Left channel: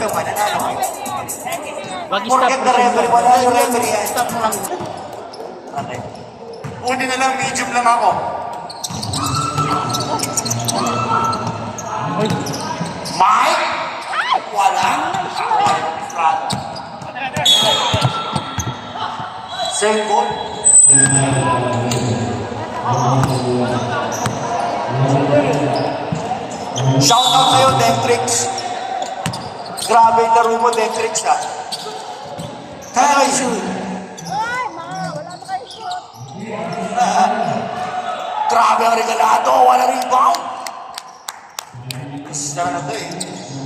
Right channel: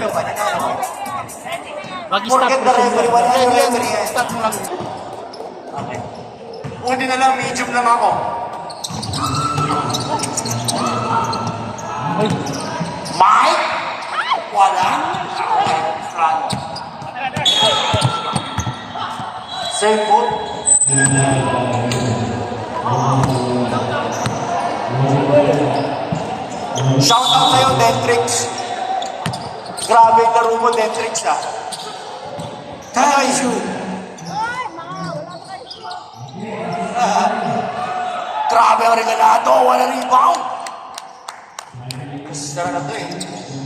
naman, nanalo kayo. Wag Forget the referee, wala yung referee yan. Stop mo lang. Okay. Uni na lang, medium lang ako. Uy. Mike? Wala. Same po. Shout out sa'yo, Dentrix. Grabe yung laro mo, Dentrix, ha? Kaya kayo shoot. Grabe ang regalado, wala rebound. Gusto na to eh.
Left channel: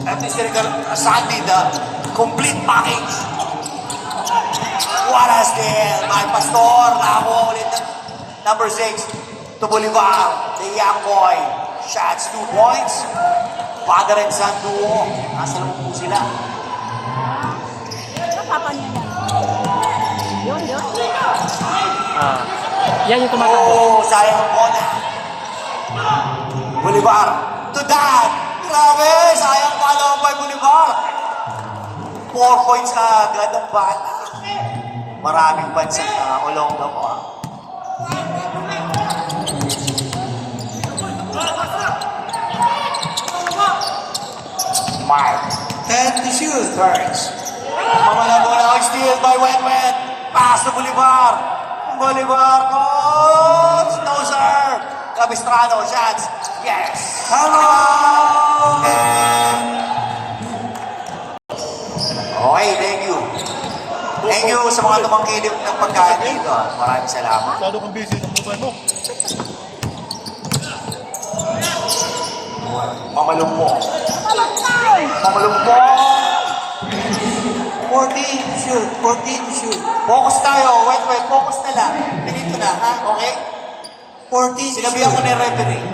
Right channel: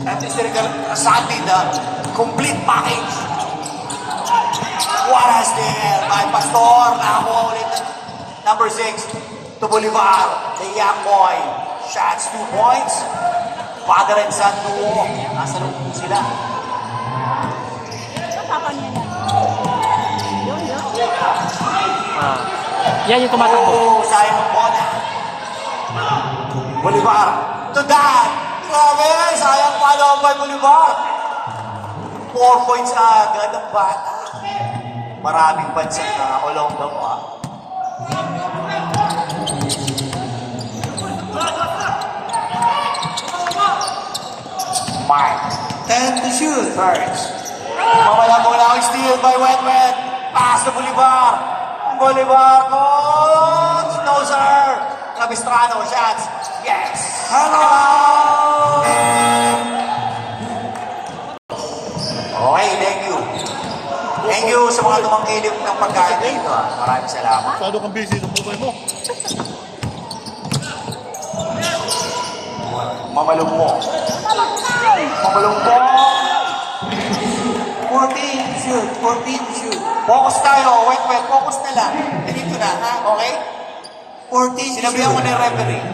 At least Sandy, the complete package. What has there? May Pastor, nakakuha ulit. Number 6, to Bolivar, the young boy. Shots, 2 points. Father and son duo. Nasa loob po sila. Yan yung tumatakbo. Oh, sayang ang bola. Bolivar, to Dan. Grabe, sayang pala ang boy Bolivar. 4 points na agad ang bata. Maraming pansin na along the way. Mark, 10 to shoot. Burns. Mawala bola ang steal by Wet. Pass to Bolivar. Bolivar goes. No, sir. Capistrano, shots. Yes. Hello! Okay, thank you. Thank you sa mga tumangkilip ng pagkain dito. Maraming salamat. Masyado kang busy ng buhay mo. Mamalumpo. Mamalumpo. 14 shoot. 14 shoot. Focus tayo. Wet. Focus na lang. Ganito na, ha? Okay? 14 sinabihan ko na yung referee.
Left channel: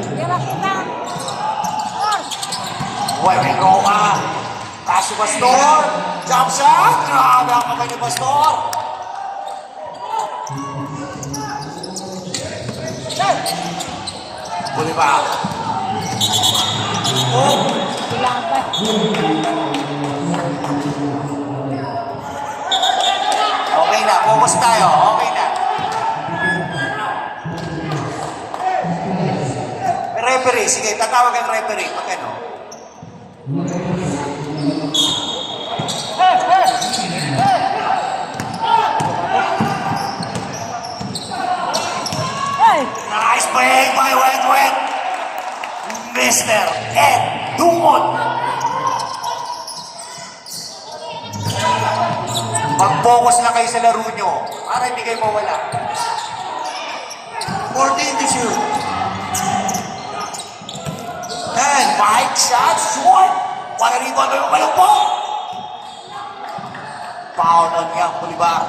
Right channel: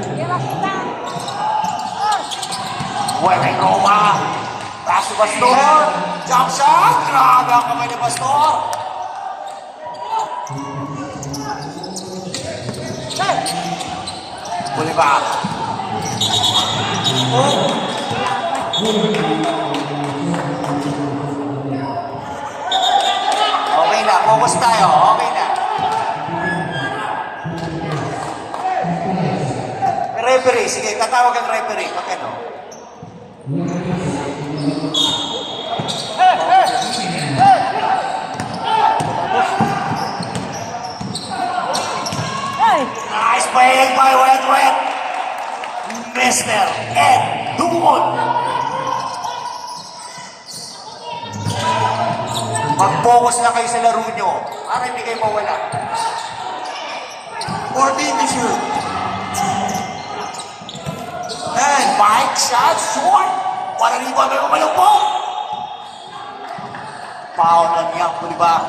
Wet and Roma. Taas si Pastor. Jump shot. Grabe ang kamay ni Pastor. Bolivar. Oh. Okay na, focus tayo. Okay na. Referee, sige, tatawag ang referee. Pag ano? Nice play by Wet. Mr. Ed Dumon. Mag-focus na kayo sa laro nyo para hindi kayo mawala. 14 to shoot. And 5 shots short. Wala rin ba naman malapot? Foul na niya, Bolivar.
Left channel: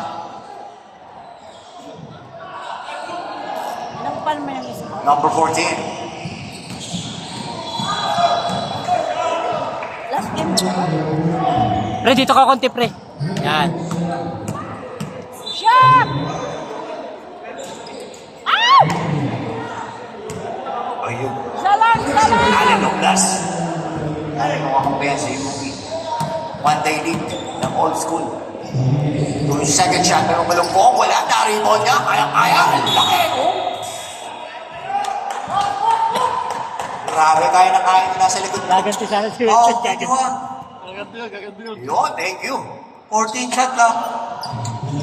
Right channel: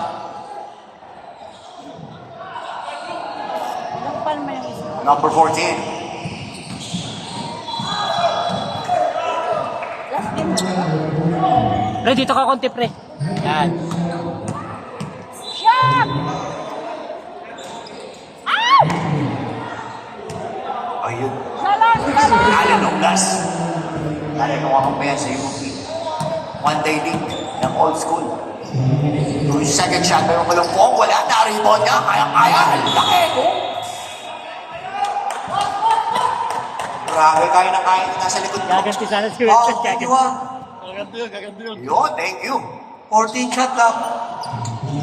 Number 14. Pre, dito ka konti, pre. Yan. Ayun. Alin ng gas. Alin ng makapayan sa UP. One day league ng old school. Yung second shot, pero malungkong, wala na, rebound na, kaya, laki, oh. Grabe, kaya na nasa likod mo. Gaganti sana si Oh, Wilson. thank you, ah. Gaganti yun. Yun, thank you. 14 shot lang.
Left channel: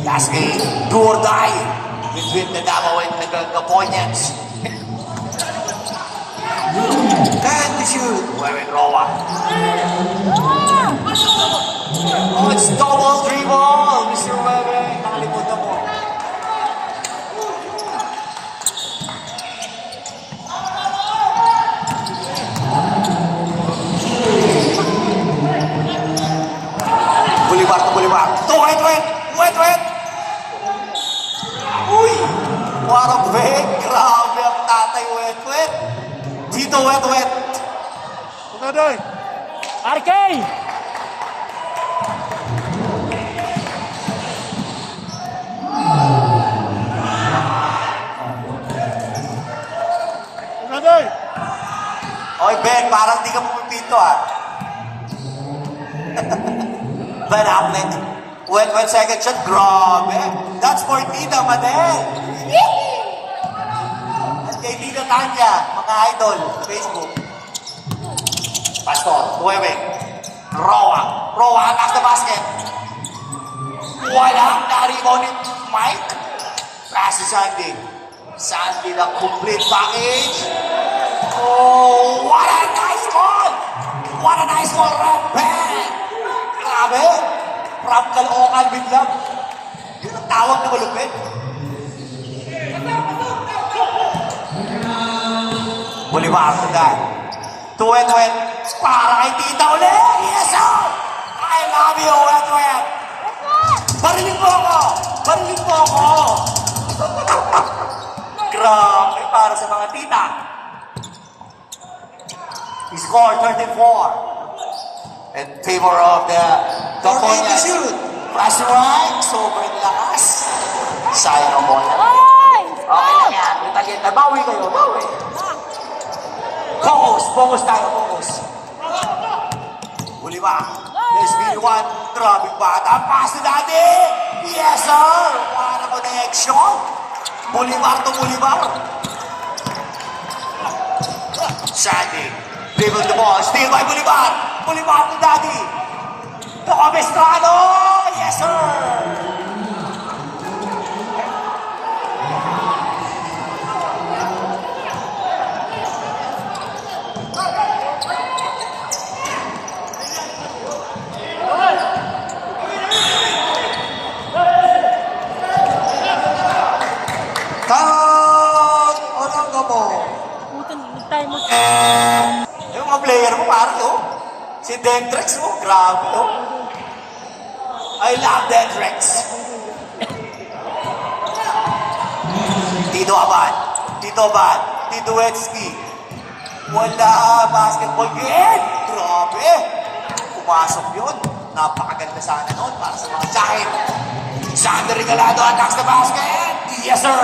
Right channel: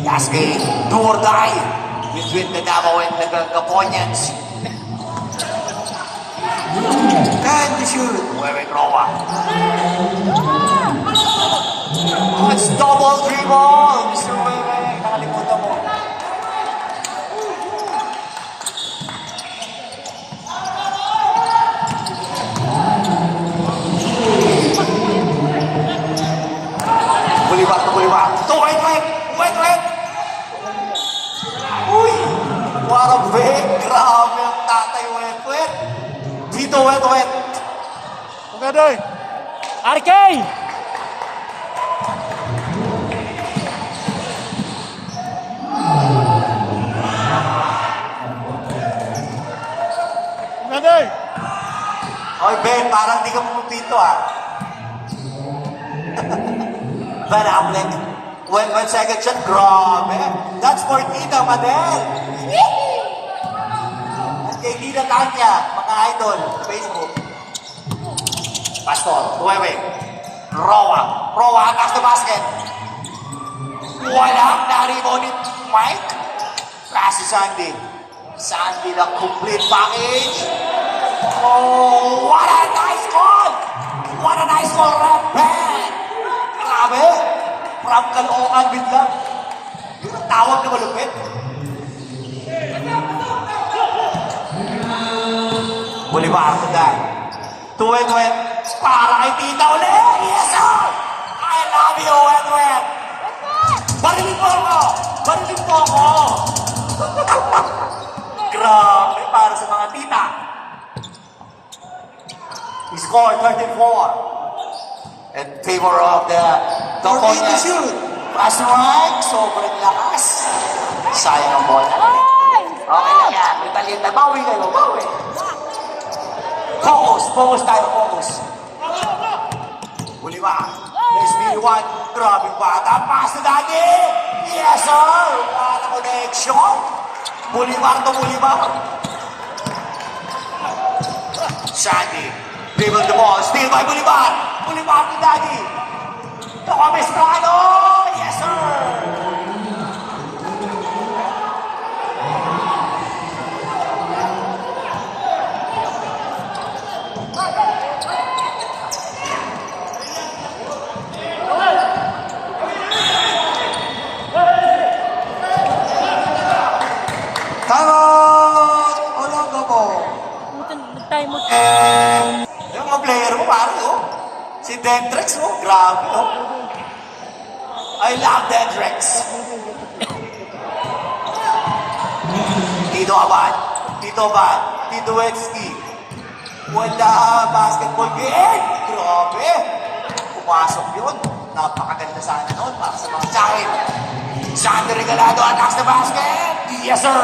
Last game, do or die. With the Davao and the Caponians. And the shoot. Wait, Roa. Let's double dribble, Mr. Webe. Nakalimutan mo. Bolivar. To Wet. Uy! What a break! Grabe ang tatay Wet. Dito Wet. Magadoy! RK! Magadoy! Okay, Ben, parang di ka pumipito, ah. Van Hamlet. When second shot, grabe. That's for Tita Madel. Kay Tita Tanya, mga idol, Facebook. Pastor, Nueve. Roa atas the basket. Wala na rebound ni Mike. Pass to Sandy. Sandy, the complete package. Oh, what a nice goal! What a nice goal, Rampant! Grabe! From Caloocan biglang. Yung ang tawag na malupit. Bolivar to that. 2-2. Para kay Tita ulit. Yes, sir! I love you, 2-2. Barilin mo ako! Barilin mo ako! Grabe para sa mga tita. He scored 34. In favor of the opponent. Pass right. Sobrang lakas. Sayang ang bola. Okay lang yan. Italin na. Bawi kayo. Bawi. Focus tayo. Focus. Huli ba? There's B1. Grabing bata. Pass na natin. Yes, sir. Para connection. Bolivar to Bolivar. Sandy. Dribble the ball. Steal by Bolivar. Bolivar to Daddy. Tomestrano. Yes, sir. Time mo. Yung mga player mo, ano? Si Dendrex, oh, grabe, oh. I love Dendrex. Tito Abad, Tito Wetsky. Wala, basketball game. Grabe. Pumasok yun. Napakaganda sana noon para sa mga child. Sander Regalado attacks the basket. Yes, sir.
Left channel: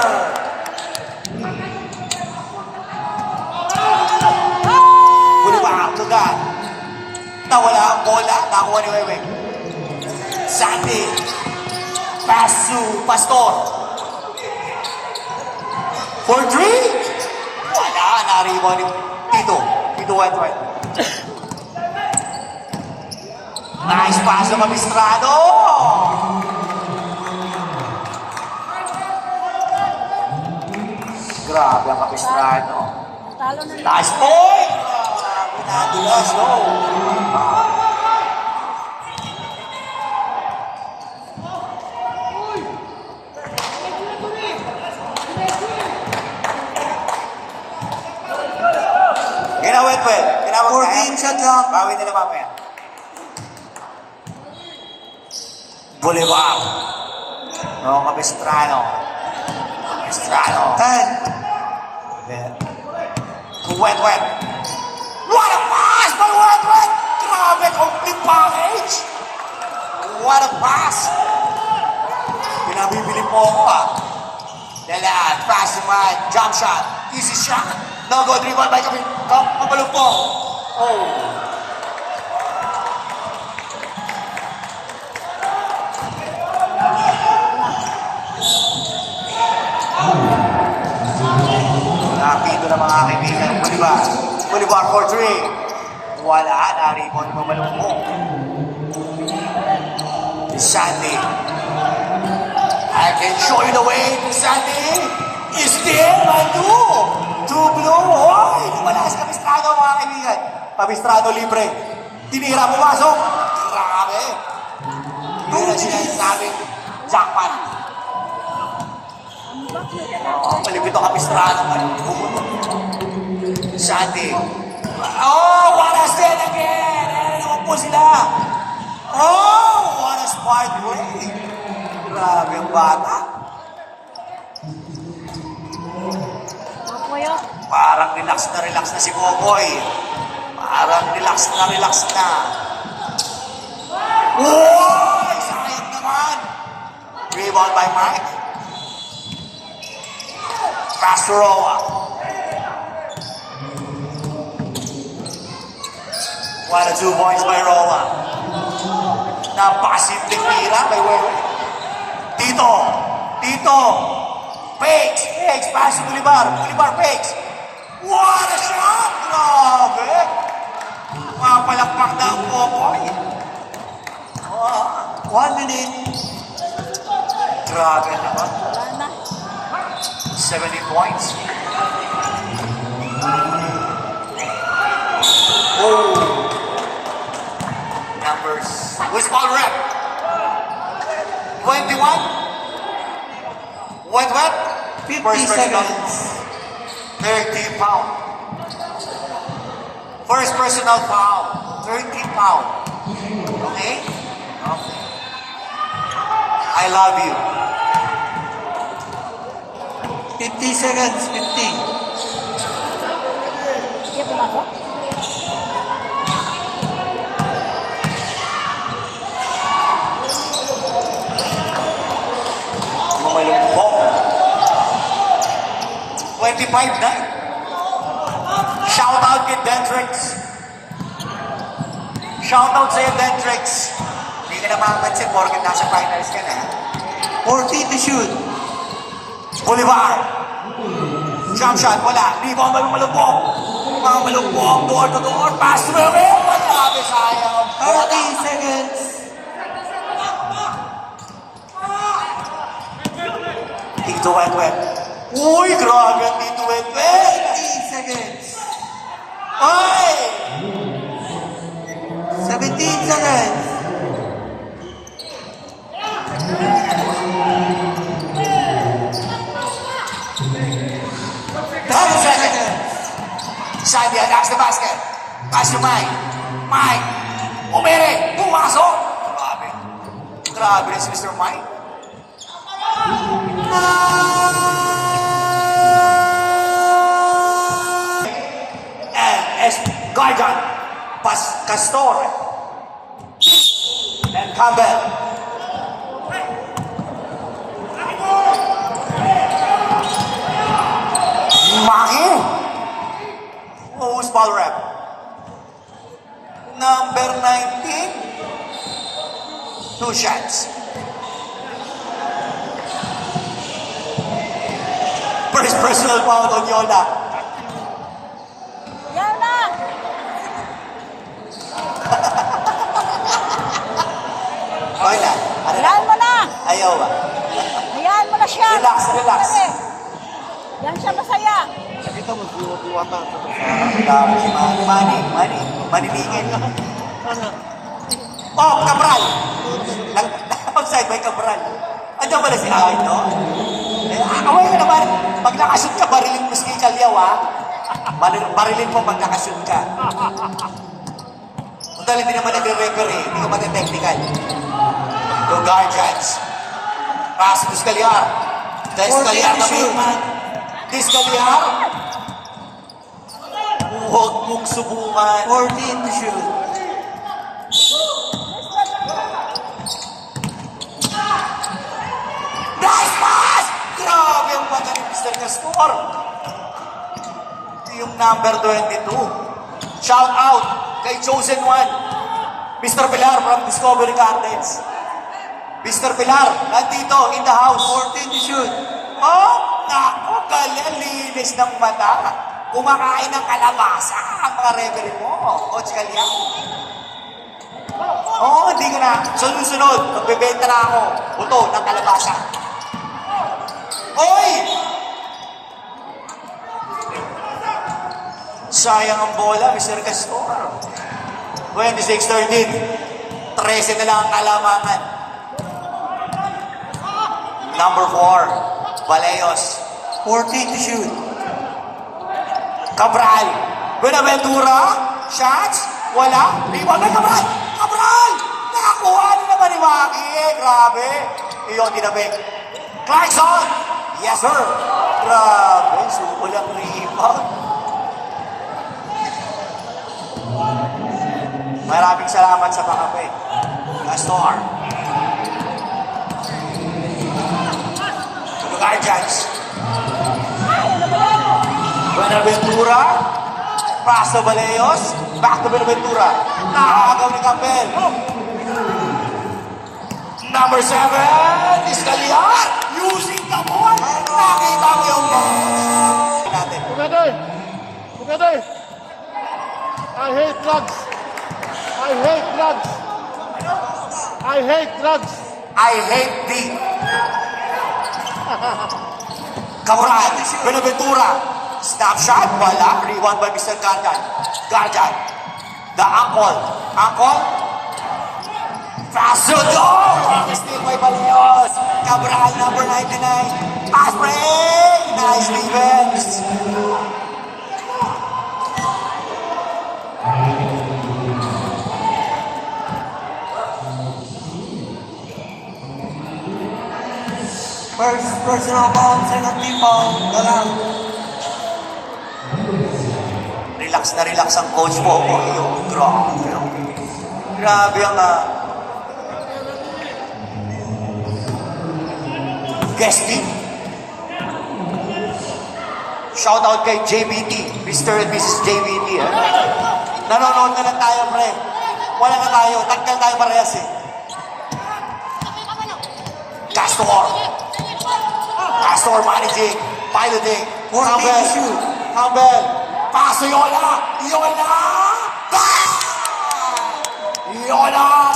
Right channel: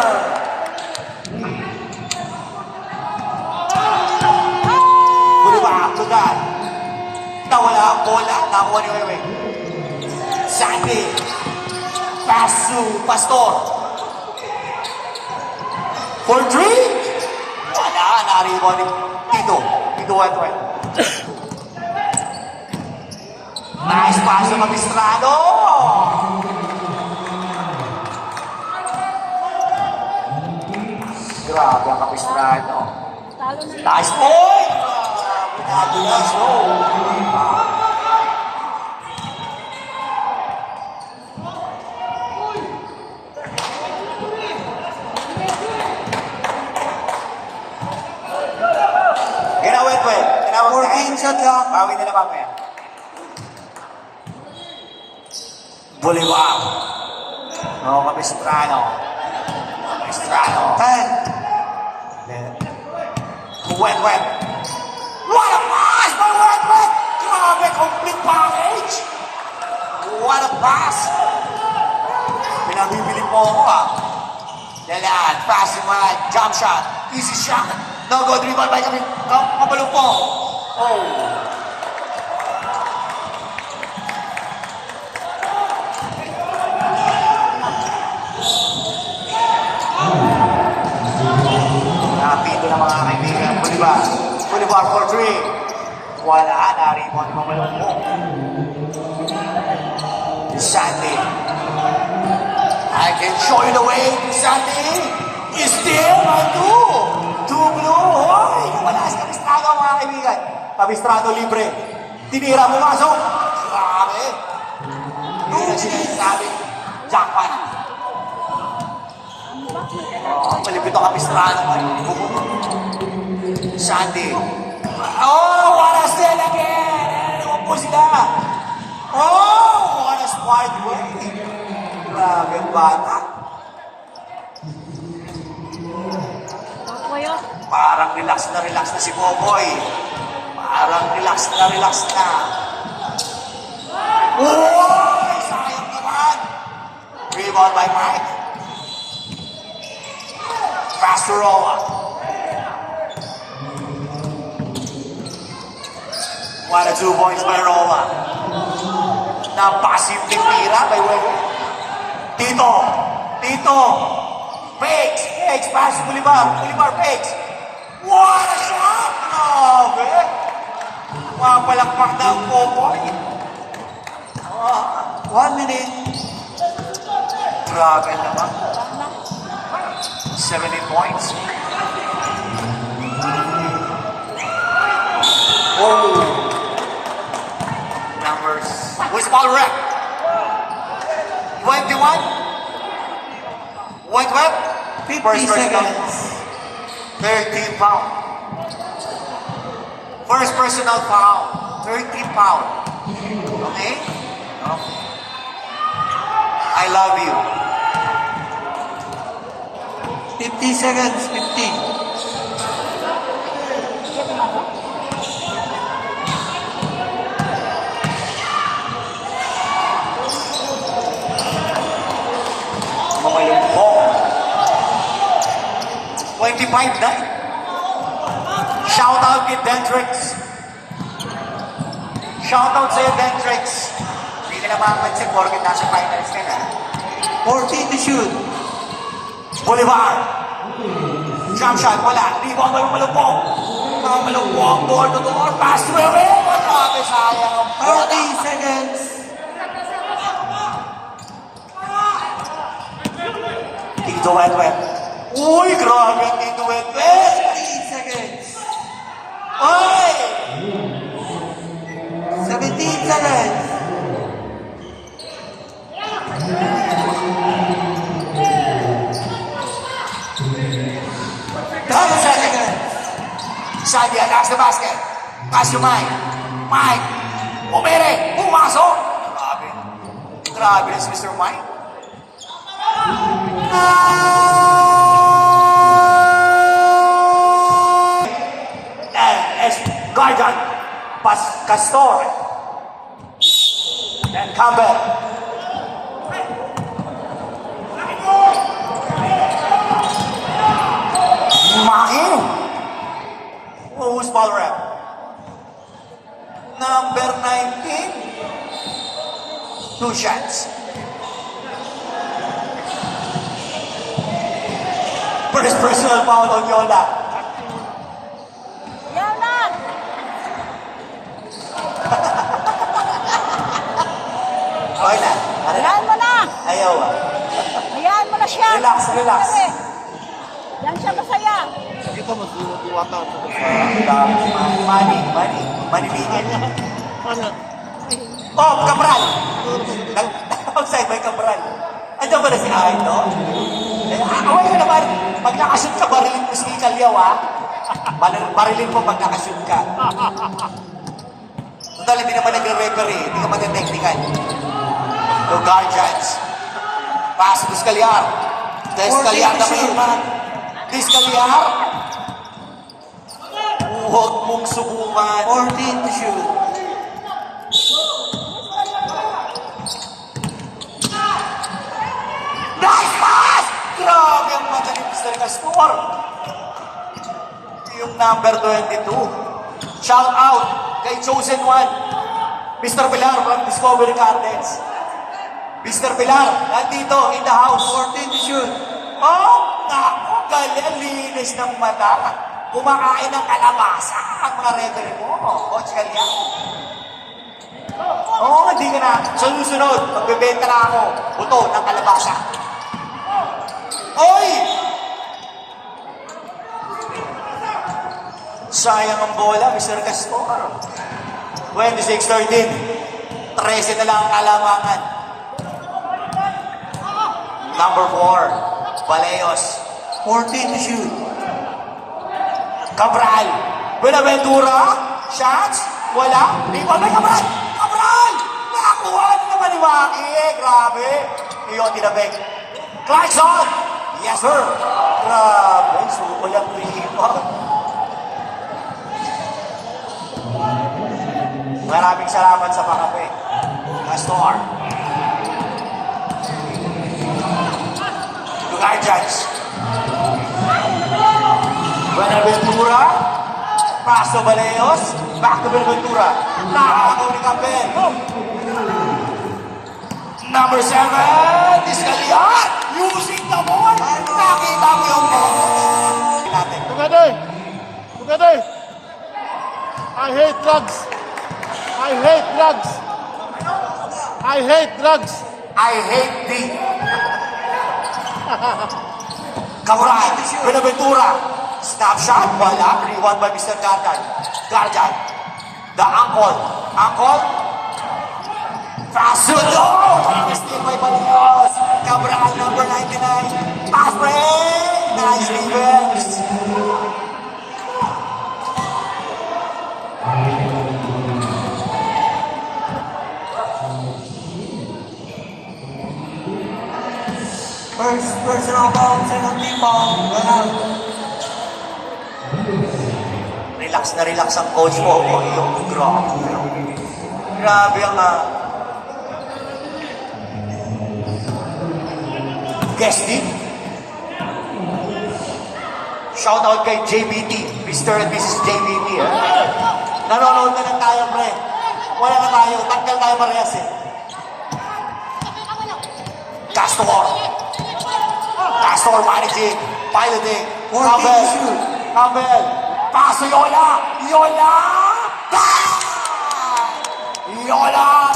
Nawala ang bola. Nakuha ni Wewe. Sandy. Pass to Pastor. For three. Wala. Nariwa ni Tito. Tito Wentwent. Nice pass to Magistrado. Grabe ang Magistrado. Nice point. Nadulas, oh. Ginawet. 14 shot lang. Bawin nila mamaya. Bolivar. No, Capistrano. 10. Wet. What a pass by Wet. Grabe, complete package. What a pass. Pinabibili po ako, ha. Leland, pass to man, jump shot, easy shot. No go, dribble by kami. Kapalong po. Oh. Napito na mga kaibigan ng Bolivar for three. Wala na rin mo naman mo. Sandy. I can show you the way to Sandy. Is there, my two. Two blue. Hoy! Wala sa Capistrano, mga kaibigan. Capistrano libre. Tinira mo laso. Grabe. Hindi na sinasabi. Jackpot. Oh, malipit ang Capistrano. Sandy. Oh, what a steal again! Naman po sila. Oh, what a smart play. Grabe ang bata. Apoyo. Parang relax na si Boboy. Parang relax na. Uy! Sayang naman. Rebound by Mike. Castoroa. Para 2 points by Roma. Napakasimple tira kay Wewe. Tito. Fakes. Pass to Bolivar, fakes. What a shot! Grabe! Kapalakpak na ang 4 point. 1 minute. Grabe naman. 70 points. Oh! Numbers. Where's foul rep? 21? What? 50 seconds. 13 foul. First personal foul. 13 foul. Okay? I love you. 50 seconds. 50. Mamalungkot. 25 na. Shout out kay Dentrix. Shout out sa'yo, Dentrix. Hindi ka na makapansin, porque nasa finals ka na. 40 to shoot. Bolivar. Jump shot, wala. Rebound by Malupong. Door to door. Pass to Wewe. Grabe, sayang ang 40 seconds. Tito Wet. Uy, grabe ang Tito Wet. 30 seconds. Ay! 17 seconds. Sabi, attacks the basket. Pass to Mike. Umere. Pumasok. Grabe si Mr. Mike. And as Gargan. Castor. And Campbell. Maki. Who's ball rep? Number 19. 2 shots. First personal foul on Yola. Yana! Okay na. Hayaan mo na! Ayaw. Hayaan mo na siya! Relax. Yan siya masaya! Ito mag-water. Manibigin. Oh, Cabral! Outside may Cabral. Andiyan pala si Akin, no? Away ka naman. Pag nakashoot ka, barilin mo si Kalyaw, ha? Barilin mo pag nakashoot ka. Kung dahil hindi naman nagre-record, hindi ka mag-technical. Go Guardians. Pass to Scalia. Dahil Scalia naman. Scalia. Huwag mong subukan. 14 to shoot. Nice pass! Grabe ang magaling Mr. Castor. Yung number 22. Shout out kay Chosen One. Mr. Pilar from Discovery Gardens. Mr. Pilar, nandito in the house. 14 to shoot. Oh, naku, linis ng mata. Kumakain ng kalabasa ang mga referee mo, Coach Kalya. Oo, hindi ka na. Sunod-sunod, magbebenta na ako. Buto ng kalabasa. Oy! Sayang ang bola, Mr. Castor. 26-13. 13 na lang ang kalamangan. Number 4, Valeos. 14 to shoot. Cabral. Benaventura. Shots. Wala. Rebound na Cabral. Cabral! Nakakuha na naman ni Maki. Grabe. Iyong tinabik. Clarkson. Yes, sir. Grabe. Sukulang rebound. Maraming salamat sa pakape. Castor. To the Guardians. Buenaventura. Paso Valeos. Back to Benaventura. Nakakagaw ni Campbell. Number 7, Iscaliar. Using the ball. Nakita mo yung natin. Together! I hate drugs! I hate drugs! I hate drugs! I hate the Kamuran, Benaventura. Snapshot, wala. Reward by Mr. Gargan. Gargan. The ankle. Ankle. Paso do! Still may Balios. Cabral, number 99. Pass break. Nice revenge. First personal foul, second team foul. Relax ang coach mo. Grabe ang guesting. Shout out kay JBT, Mr. and Mrs. JBT. Nanonood na lang tayo, pre. Wala na tayo. Tanggal tayo parehas eh. Castor managing, piloting. Campbell. Paso Yola! Yola!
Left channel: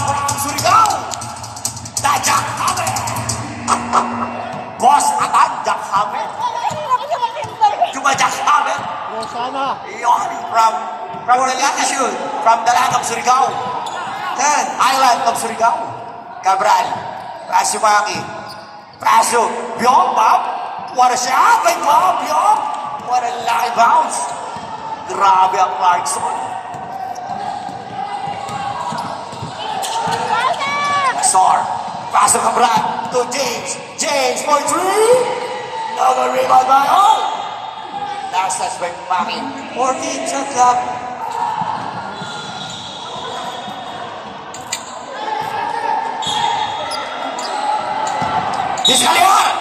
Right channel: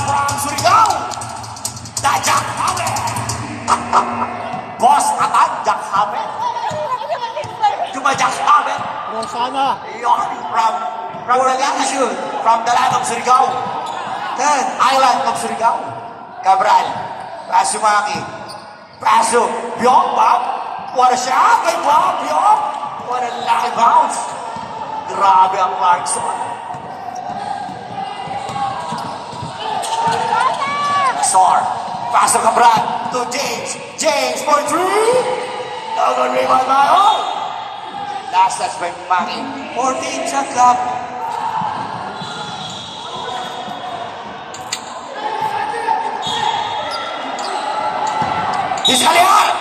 Parang Surigao! The Jackhammer! Boss Atan, Jackhammer! Cuma Jackhammer! Sana! From the land of Surigao. Island of Surigao. Cabral. Pasumaki. Paso. Biong, Bob. What a shot kay Bob, Biong. What a live bounce. Grabe ang Clarkson. Nasor. Paso Cabral to James. James for 3. Another rebound by Hall. Last touch by Maki. 14 shot clock. Iscaliar!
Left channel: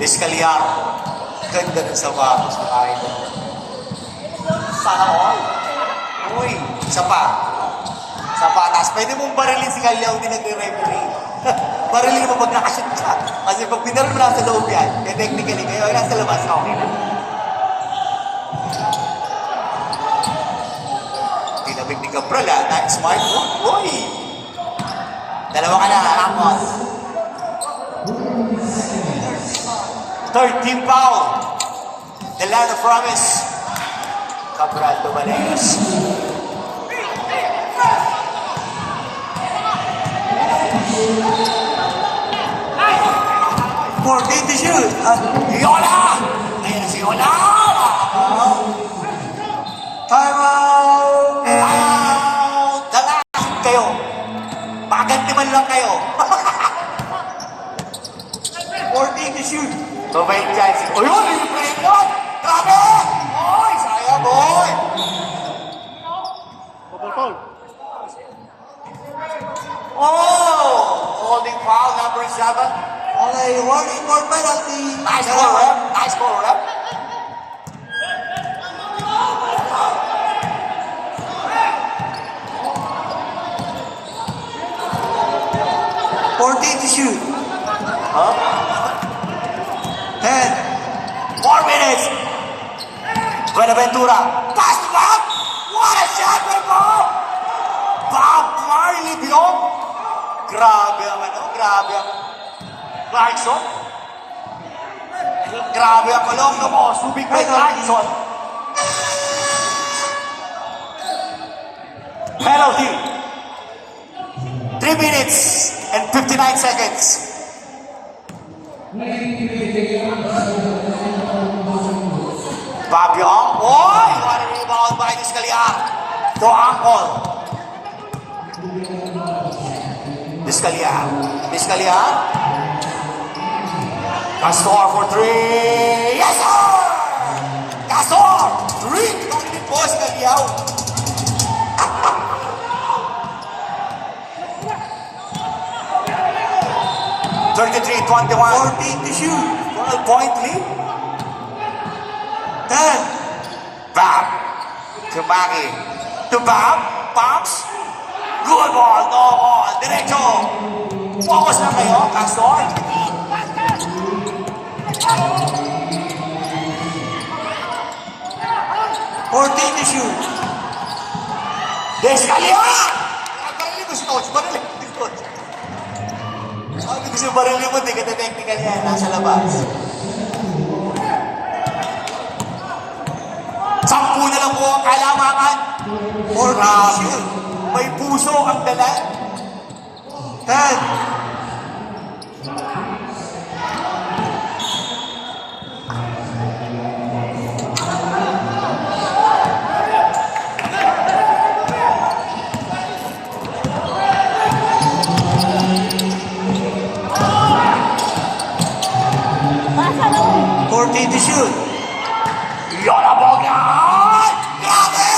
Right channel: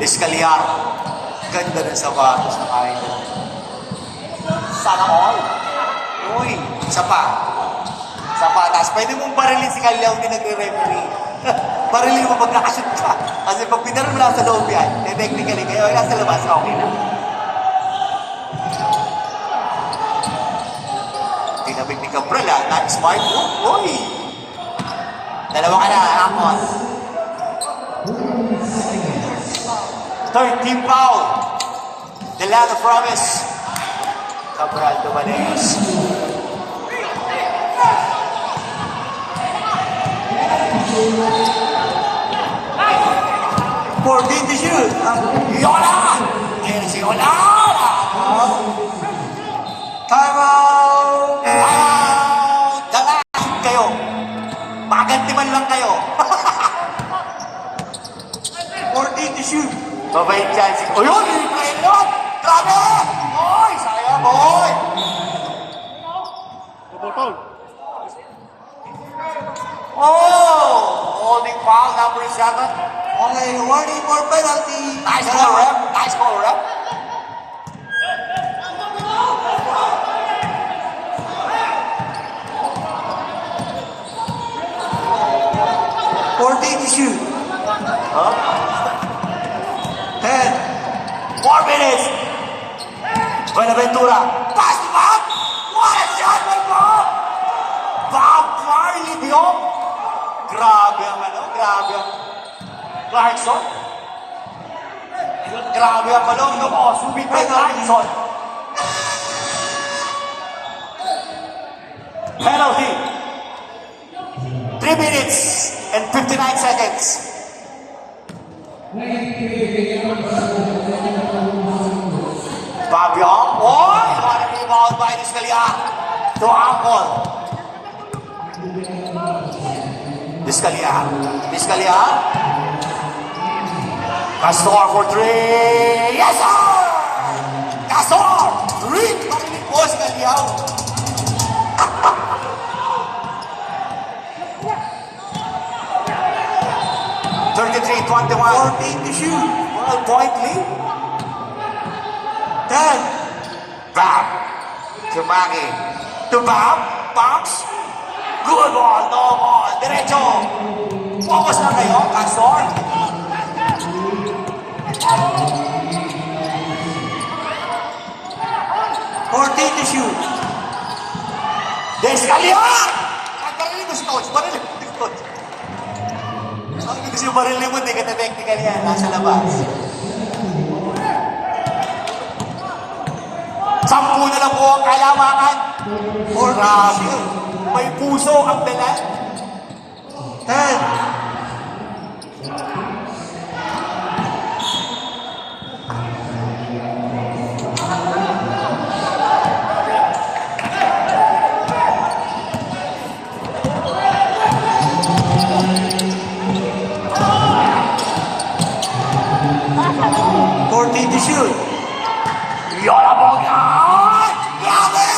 Iscaliar. Ganda ng sapatos na kain doon. Sana all. Uy, sapatas. Pwede mong barilin si Kalyaw, hindi nagre-referee. Barilin mo pag nakashoot ka. Kasi pag pinaro lang sa loob yan, technically, kayo lang sa labas, okay na. Tinabig ni Cabral, that's my point. Uy! Dalawa ka na, Ramos. 13 foul. The land of promise. Cabral Dumanes. To shoot. Yola! Ayun si Yola! Time out. Dalahin kayo. Maganti man lang kayo. 14 to shoot. Mabait yan si... Ayun! Yung play mo! Grabe! Oy! Sayang, boy! Puputol! Oh! Holding foul, number 7. Okay, warning for penalty. Nice call, rep. Nice call, rep. To shoot. 10. 4 minutes. Buenaventura. Pass to Bob. What a shot from Bob. Bob Marley beyond. Grabe ang grabe ang Clarkson. Grabe ang kalong mo. Subig kay Clarkson. Penalty. 3 minutes and 59 seconds. Fabio, oh! Rebound by Iscaliar. To Angkol. Iscaliar. Castor for 3. Yes, sir! Castor! 3. Hindi po Iscaliar. 33-21. 14 to shoot. 12-point lead. 10. Back to Maggie. To back. Bounce. Good ball. No ball. Diretso. Focus na kayo. Castor. 14 to shoot. Descalia! Barili mo si coach. Barili mo si coach. Sabi kasi barili mo. Di ka technical yan. Nasa labas. 10 na lang po ang kailangan. 14 to shoot. May puso ang dala. 10. To shoot. Yola Boga! Grabe!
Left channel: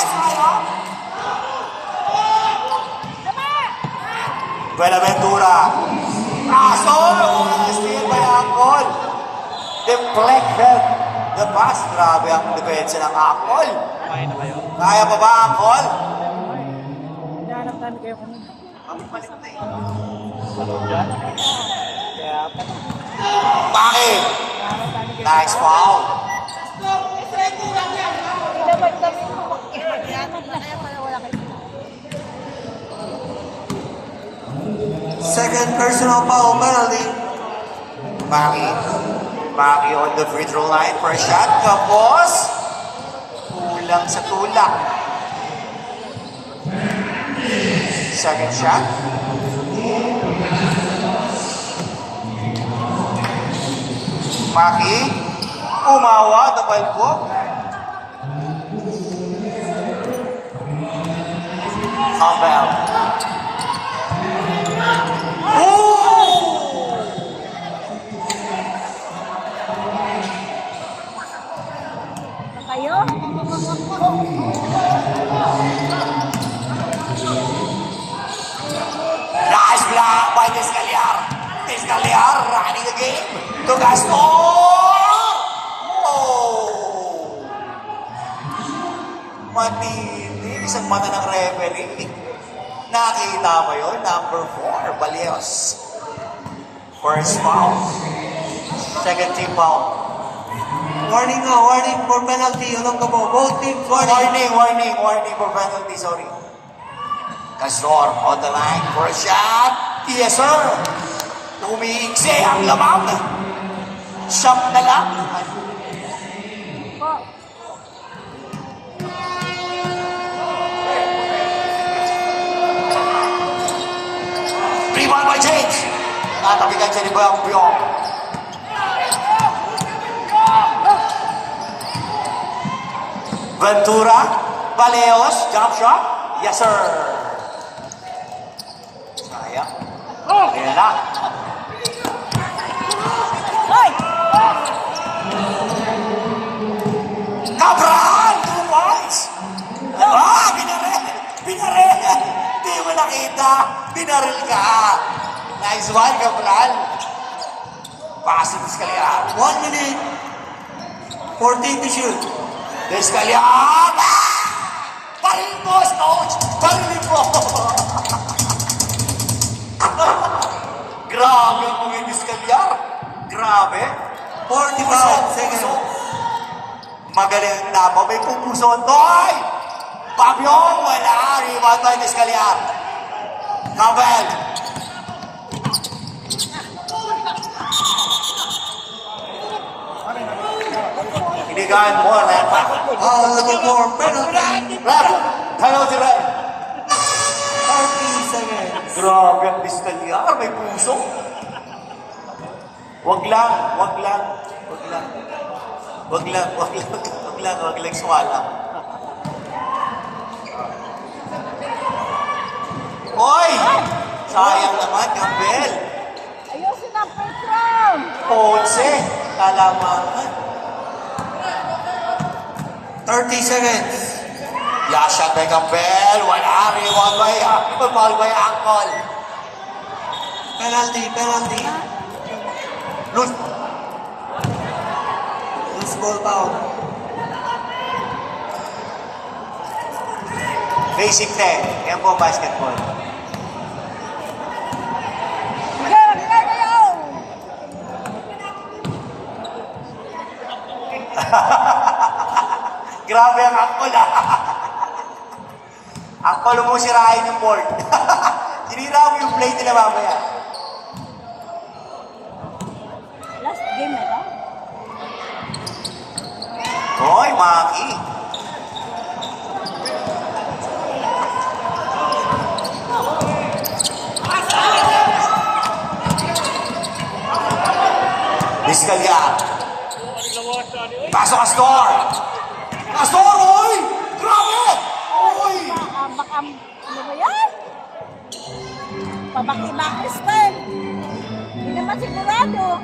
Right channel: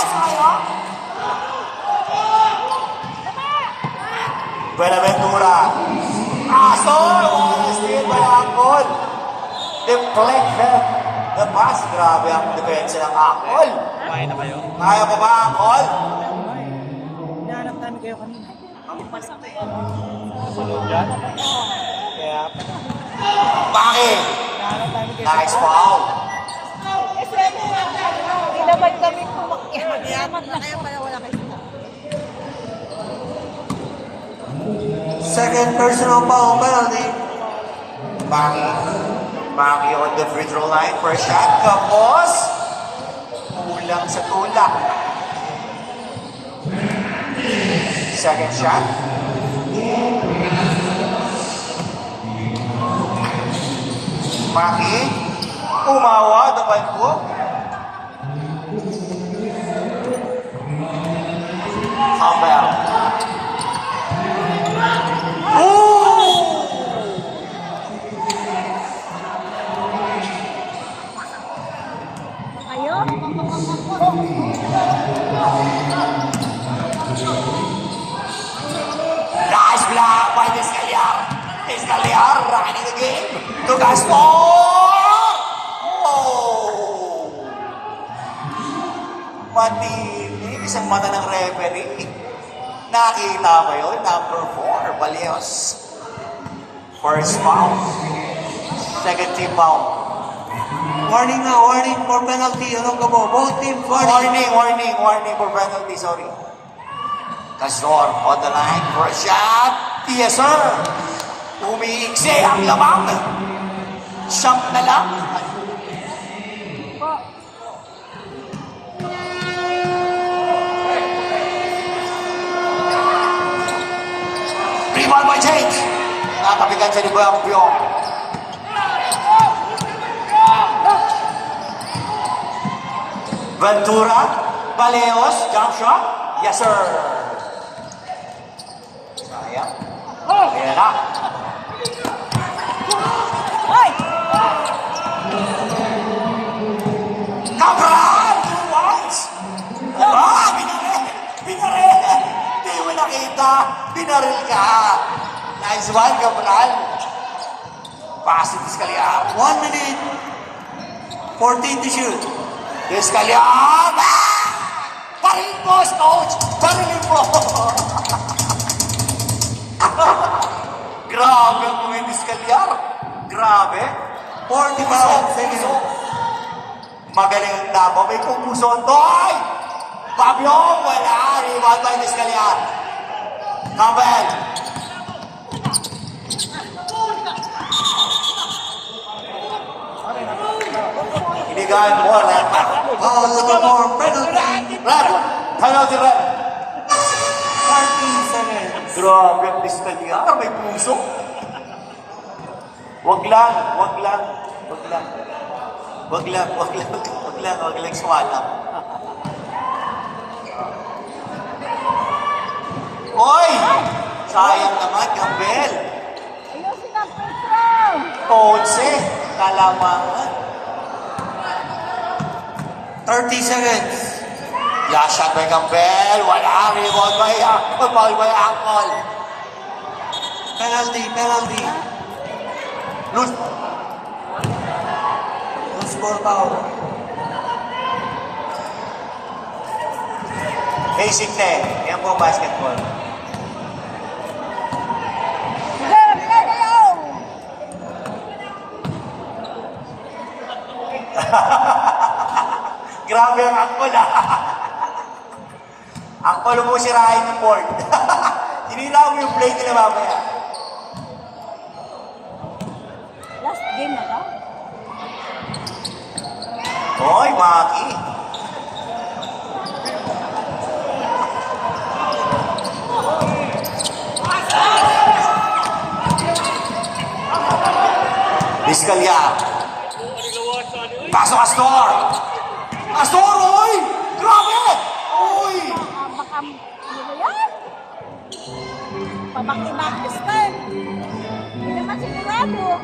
Buenaventura. Paso! Steal by Angkol. Deflected. The pass. Grabe ang depensa ng Angkol. Kaya pa ba Angkol? Hinahanap namin kayo kanina. Bakit? Nice foul. Nilamad kami po. Nilamad na kaya pala wala kayo. Second personal foul penalty. Maki on the free throw line for a shot. Tapos, kulang sa tulak. Second shot. Maki, umawa, dumalbo. Campbell. Kayo? Nice block by Descaliar. Descaliar running the game. To Gaston. Oh! Matindi. Isang mata ng referee. Nakita mo yun? Number 4, Balios. First foul. Second team foul. Warning nga, warning for penalty. Alam ka po, both teams warning. Warning for penalty, sorry. Gaston on the line for a shot. Yes, sir. Umiigsi ang lamang. Shot na lang. Rebound by change. Natabigan siya ni Boyang Piong. Ventura, Galeos, jump shot. Yes, sir. Sayang. Kaya na. Hoy! Cabral! 2 points! Binaril! Binaril! Di mo nakita! Binaril ka! Nice one, Cabral! Passive Descaliar. 1 minute. 14 to shoot. Descaliar! Parin mo, coach! Parin mo! Grabe ang mga Descaliar! Grabe! 45 seconds. Magaling na ba? May pupuson. Doy! Pabyong! Wala! Rebound by Descaliar. Campbell! Inigaan mo, Repa. Number 4, penalty. Rep! Penalty rep! 13 seconds. Grabe ang Descaliar. May puso. Wag lang. Wag lang swala. Oy! Sayang naman, Campbell. Ayusin ang first round! 11, kalamangan. 30 seconds. Last shot by Campbell. Wala. Rebound by Ankol. Penalty, penalty. Lose. Loose ball foul. Basic na eh. Yan po ang basketball. Sige, bila kayo! Grabe ang angkol ah. Angkol mo sirahin yung board. Sinira mo yung play nila mamaya. Last game na to? Hoy, Maki. Diskalya. Pasok Astor. Astor, oy! Grabe! Oy! Ano ba yan? Pabaki-bakis pa eh. Hindi naman sinirado.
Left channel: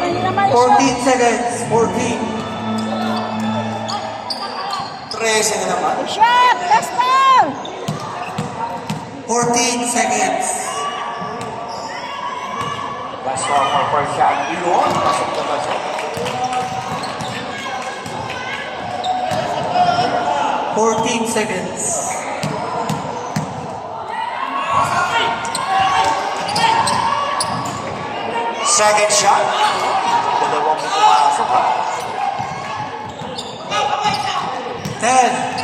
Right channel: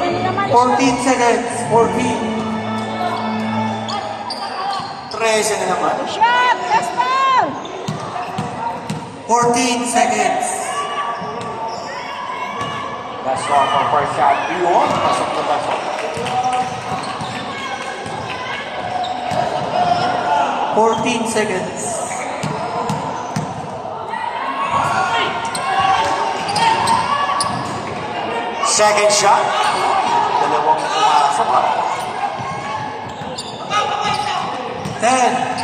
Hindi naman 14 seconds. 14. 13 na naman. Shot! Last man! 14 seconds. That's all for first shot. Iyon, pasok na pasok. 14 seconds. Second shot. Dalawang pumasok ha. 10.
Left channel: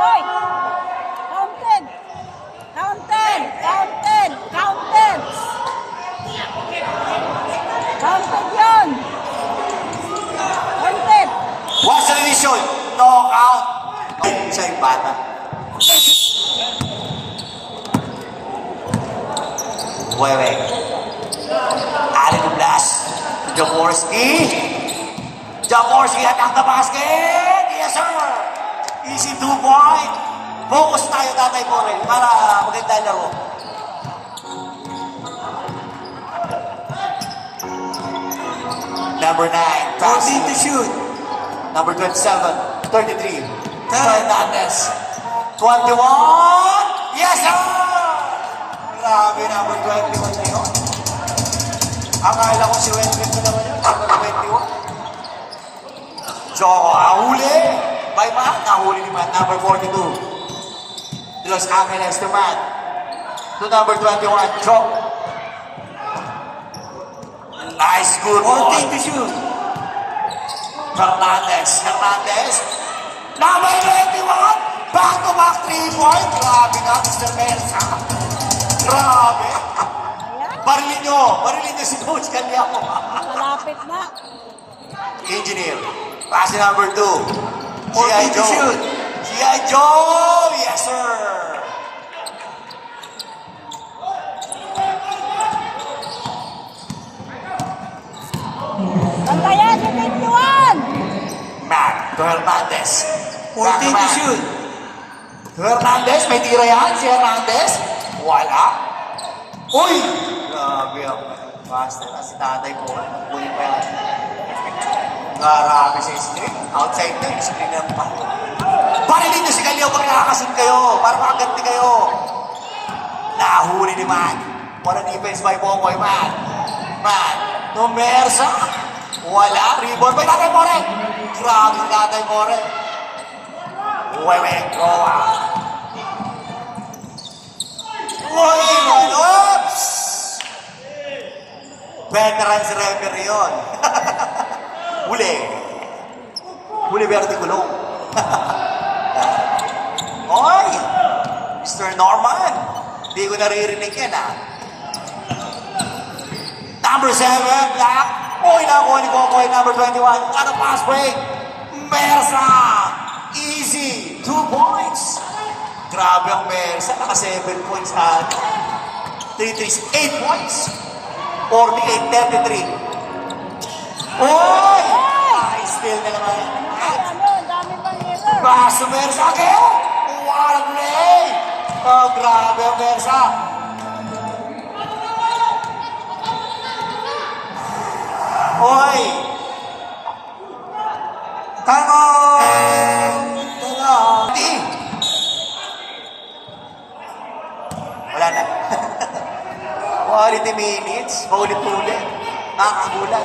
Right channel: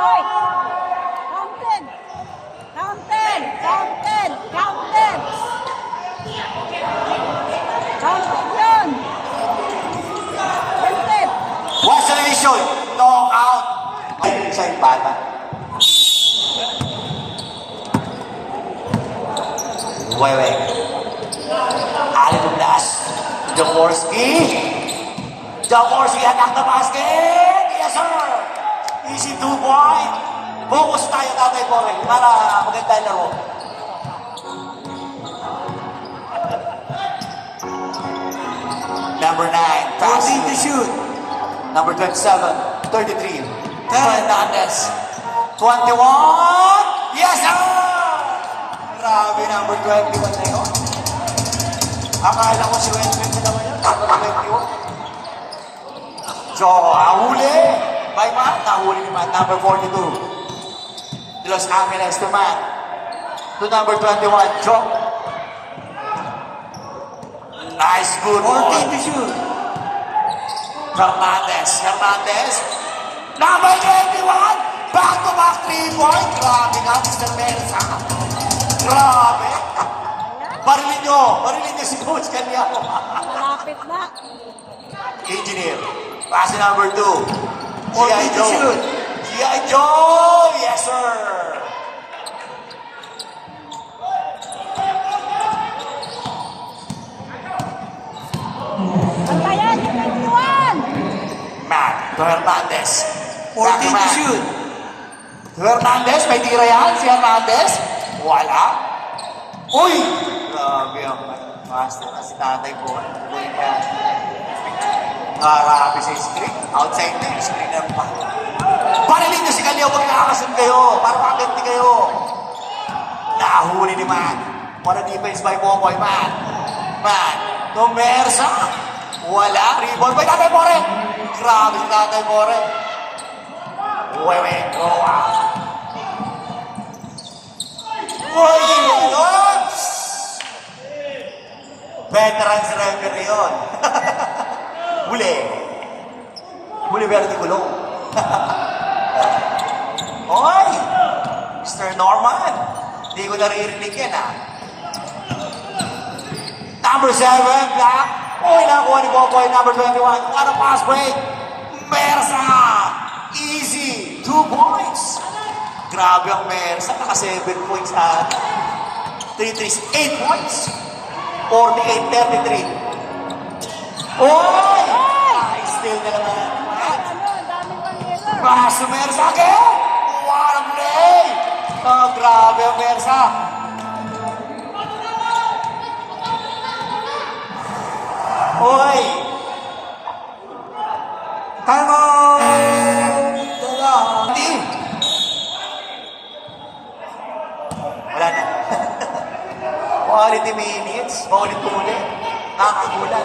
Hoy! Counted! Counted! Counted! Counted! Counted yan! Counted! What's the decision? Knockout. Ay, isa yung bata. Wait. Allen Blas. Jaworski. Jaworski attack the basket. Yes, sir. Easy 2-point. Focus tayo tatay po para maganda yung laro. Number 9. 14 to shoot. Number 27, 33, Fernandez. 21, yes sir! Grabe, number 21 na yun. Akala ko si Wentworth na naman yun, number 21. So, ahuli. By Matt, nahuli ni Matt, number 42. Los Angeles to Matt. To number 21, Joe. Nice, good 14 to shoot. Fernandez. Number 21. Back-to-back 3-point. Grabe nga, Mr. Mensa. Grabe. Barilin nyo si Coach Kanyamo. Malapit na. Engineer. Pass to number 2. G.I. 14 to Joe. shoot. G.I. Joe. Yes, sir. Ang kaya, 21! Matt. To Hernandez. 14 to shoot. Hernandez, may tira yan. Si Hernandez. Wala. Uy! Grabe ang master na si tatay po. Uy niya. Marami sa screen. Outside na yung screen na naman. Parilin nyo si Kalyaw pag nakakasun kayo. Para makaganti kayo. Nahuli ni Man. What a defense by Boboy Man. Man. Pumersa. Wala. Rebound by Tatay More. Grabe si Tatay More. Wait. Go out. Oops! Veterans referee yun. Huli Verde Gulong. Oy! Mr. Norman. Hindi ko naririnig yan ah. Number 7, Black. Oy, nakuha ni Boboy, number 21. What a pass break. Mersa! Easy. 2 points. Grabe ang Mersa. Naka 7 points at 3 threes. 8 points. 48-33. Oy! Nice steal na naman. Ano, ang dami pa rin sir. Pass to Mersa again. What a play. Oh, grabe ang Bersa. Oy! Time out! Dala. Hindi! Wala na. Quality minutes, maulit-ulit. Nakakagulat.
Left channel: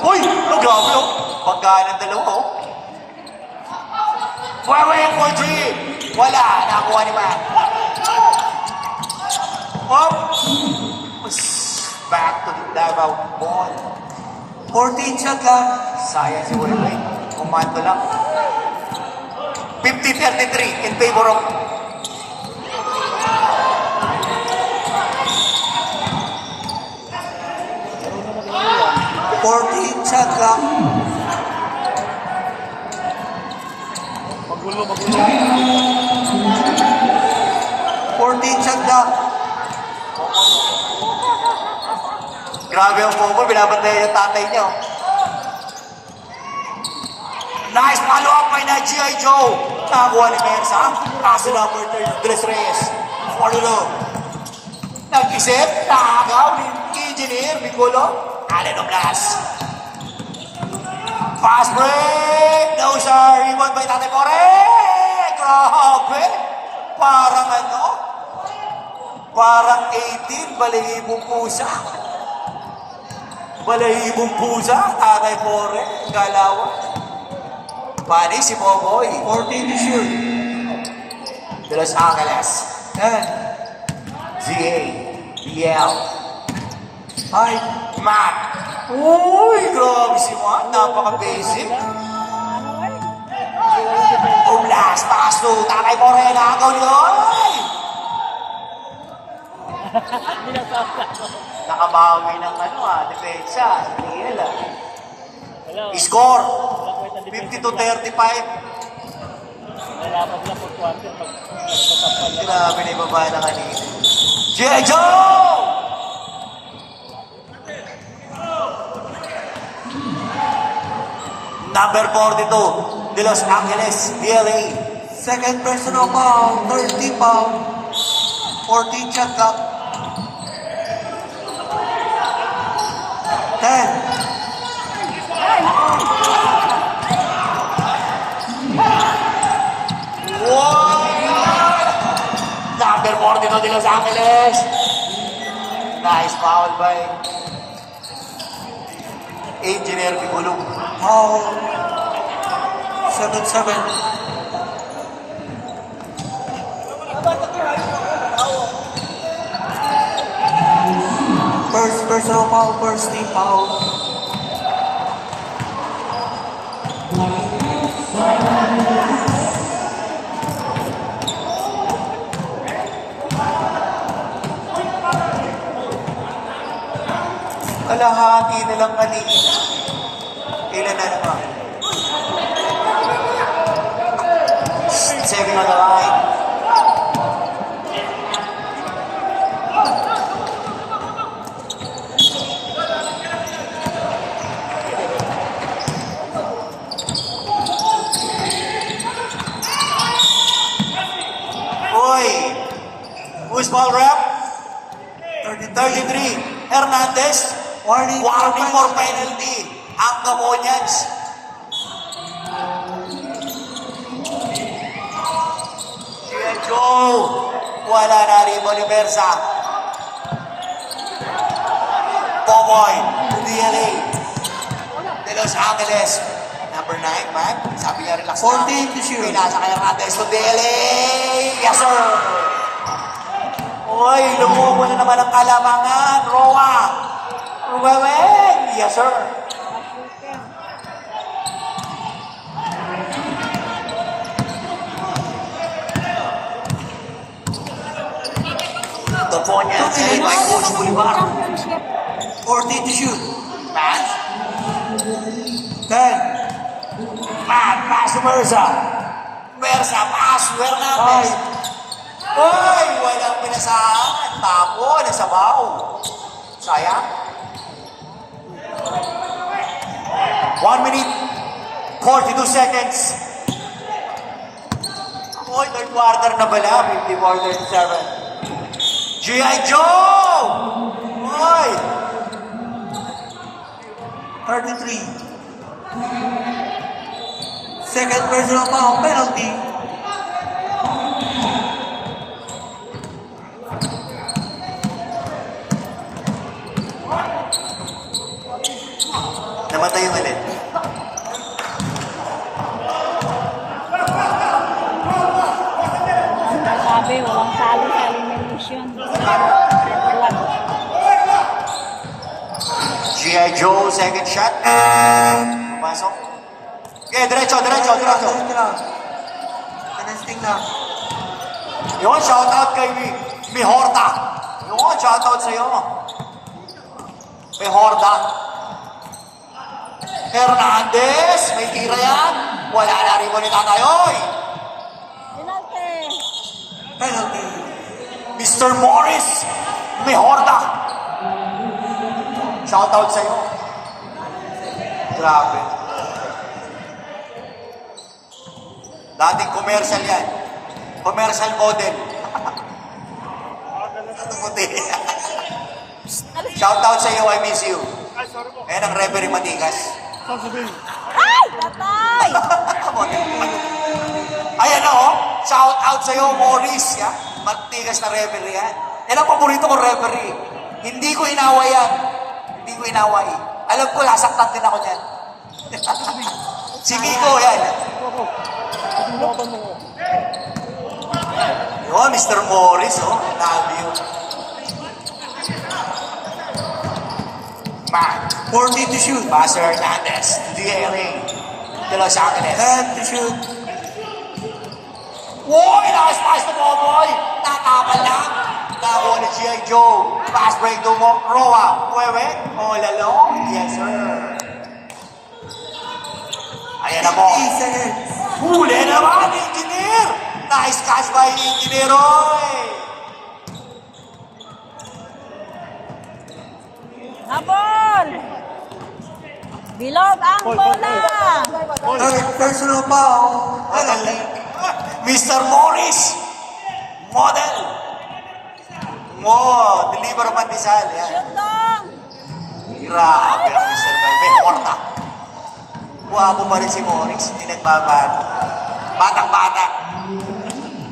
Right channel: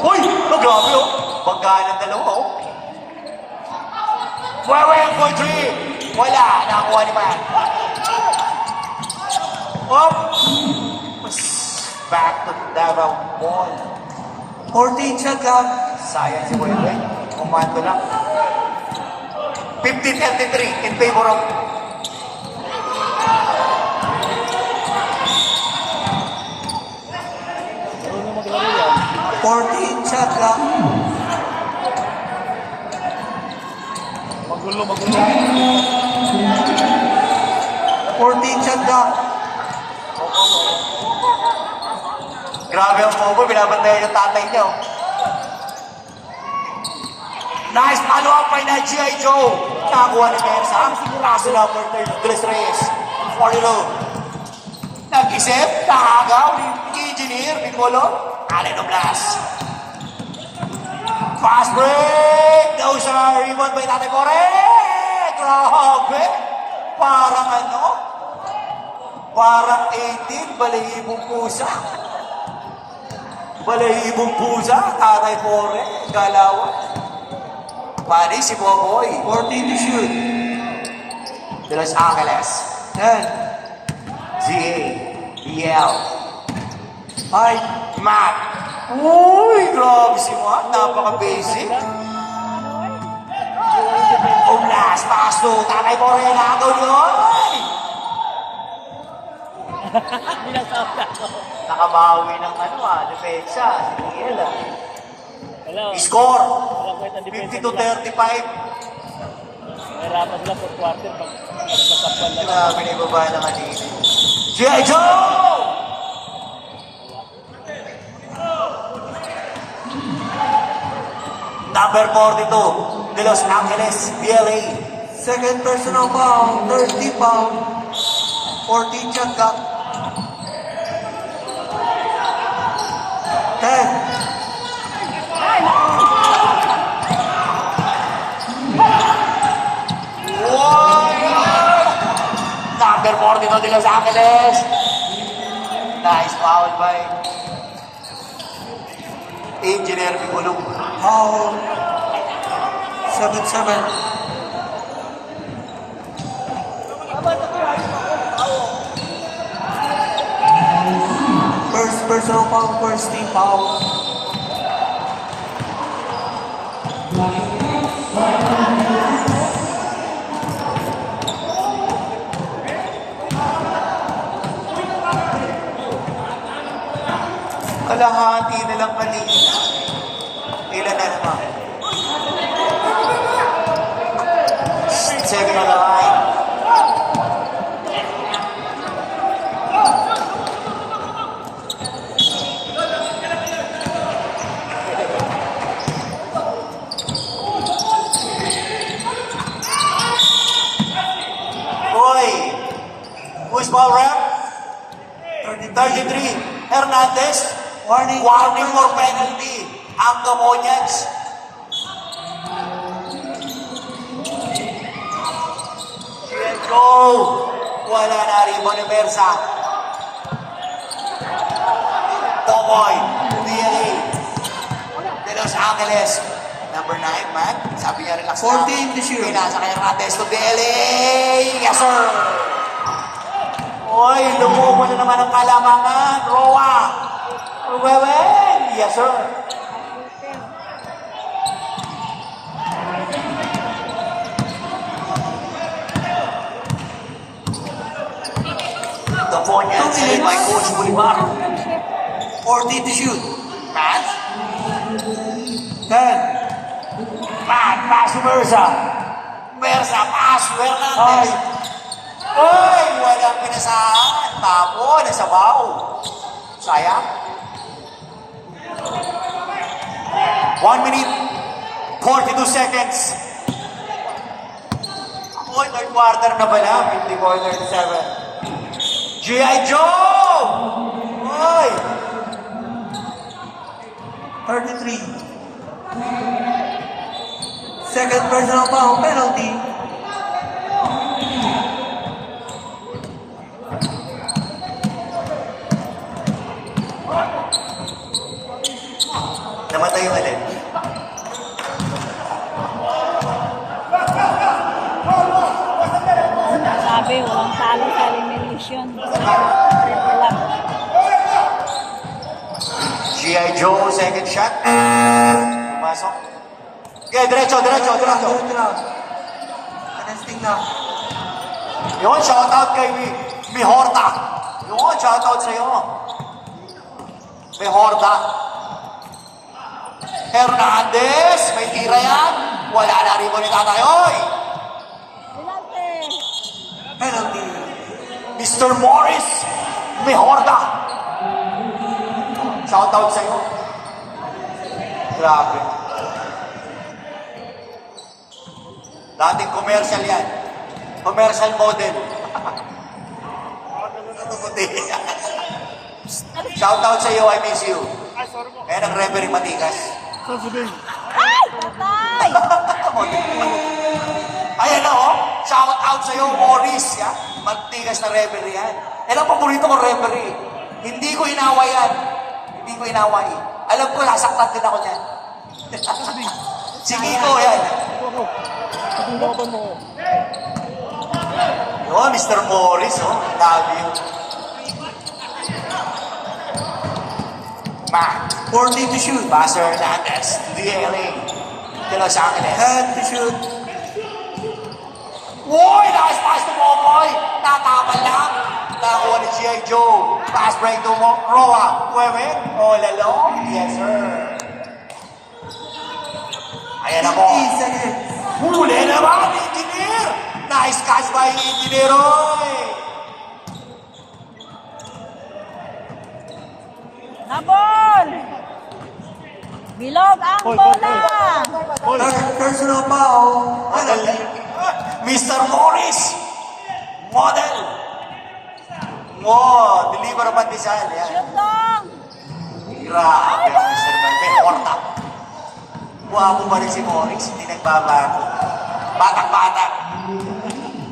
Uy! Oh, grabe oh! Pagkaan ng dalawa oh. Huawei emoji! Wala! Nakakuha ni Mayan. Oh! Back to the Davao ball. 14 shot lang. Sayang si Huawei. Kumanto lang. 15-33 in favor of 14 shot lang. Magulo, magulo. 14 shot lang. Grabe ang Pogo, binabantayan yung tatay niyo. Nice follow-up by na G.I. Joe. Nakakuha ng Bersa. Kaso na for third. Dres Reyes. 4-0. Nag-isip. Nakagaw. Engineer. Bingolo. Allen Oblas. Pass break. No sir. Rebound by Tate Kore. Grabe. Parang ano? Parang 18. Balahibong pusa. Balahibong pusa. Tatay Kore. Galawan. Pari si Boboy. 14 to shoot. De Los Angeles. 10. ZA. BL. 5. Matt. Uy, grabe si Matt. Napaka-basic. Oblas. Takas to. Tatay Kore. Nakagaw yun. Nakabawi ng ano depensa. Tingin lang. Score. 50-35. Grabe na ibaba na kanina. G.I. Joe! Number 42, De Los Angeles, BLA. Second personal foul. 30 foul. 14 shot clock. 10. Number 42, De Los Angeles. Nice foul by Engineer Bigulong. Foul. 7-7. First personal foul. First team foul. Kalahati na lang kanina. Ilan na naman? Second na line. Uy! Who's ball rep? 33. Hernandez. Warning. Warning for penalty. Ang Gamonyans. Let's go. Wala na rin Universa. Tomoy. DLA. De Los Angeles. Number 9, man. Sabi niya relax na. 14 to shoot. Pinasa kaya Hernandez to DLA. Yes, sir. Uy, lumubo na naman ang kalamangan. Roa. Uwewen. Yes, sir. The Ponyans headed by Coach Bolivar. 14 to shoot. Pass. 10. Pass to Versa. Versa, pass. Hernandez. Uy, walang pinasahan. Tapo, nasabaw. Sayang. 1 minute, 42 seconds. Oh, third quarter na pala. 54-37. G.I. Joe! Oy! 33. Second personal foul, penalty. Namatay yung ulit. Sabi, walang talo sa elimination. Club. G.I. Joe, second shot. Pasok. Okay, diretso. Anesting lang. Yun, shoutout kay Mihorta. Yun, shoutout sa'yo. Mihorta. Hernandez, may tira yan. Wala na rin mo ni Tatay. Oy! Penalty. Mr. Morris Mihorta. Shoutout sa'yo. Grabe. Dating commercial yan. Commercial model. Puti. Shoutout sa'yo, I miss you. Eh, nag-referee Matikas. Ay! Patay! Ayan o, shout out sa'yo, Morris. Yan. Matigas na referee yan. Yan ang paborito kong referee. Hindi ko inaway yan. Hindi ko inaway. Alam ko, nasaktan din ako dyan. Sige ko yan. Yun, Mr. Morris, oh. Love you. Man, 40 to shoot. Pastor Hernandez, to the area. De Los Angeles. 10 to shoot. Uy, nice pass to Momoy. Tataman lang. Nakuha ni G.I. Joe. Pass break to Roa. Huwebe. All alone. Yes, sir. Ayan ako. 50 seconds. Huli naman, engineer. Nice catch by engineer, oy. Nabol! Bilog ang bola! Third personal foul. Mr. Morris. Model. Wow, deliver pa Rizal. Yan. Shoot lang! Grabe, Mr. Morta. Guwapo pa rin si Morris, hindi nagbabago. Batang-batang.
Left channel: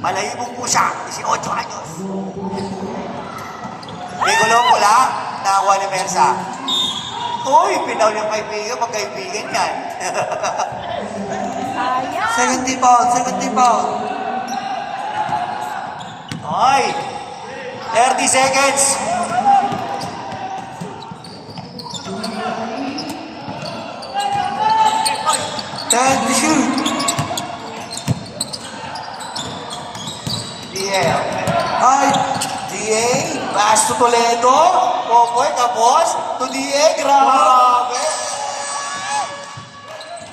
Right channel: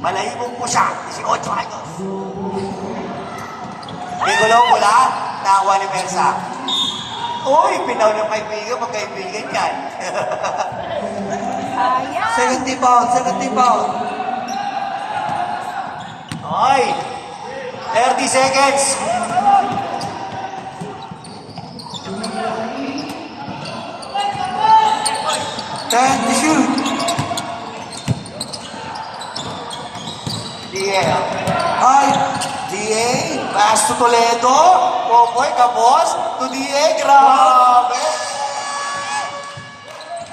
Malayo po siya, 18 años. Bigulaw pula, nakuha ni Mersa. Uy, pinaw ng kaibigan, magkaibigan yan. Sayang! 70 foul, 70 foul. Oy, 30 seconds. Ten to shoot. DA. High. DA, pass to Toledo. Forward, tapos, to DA, grabe.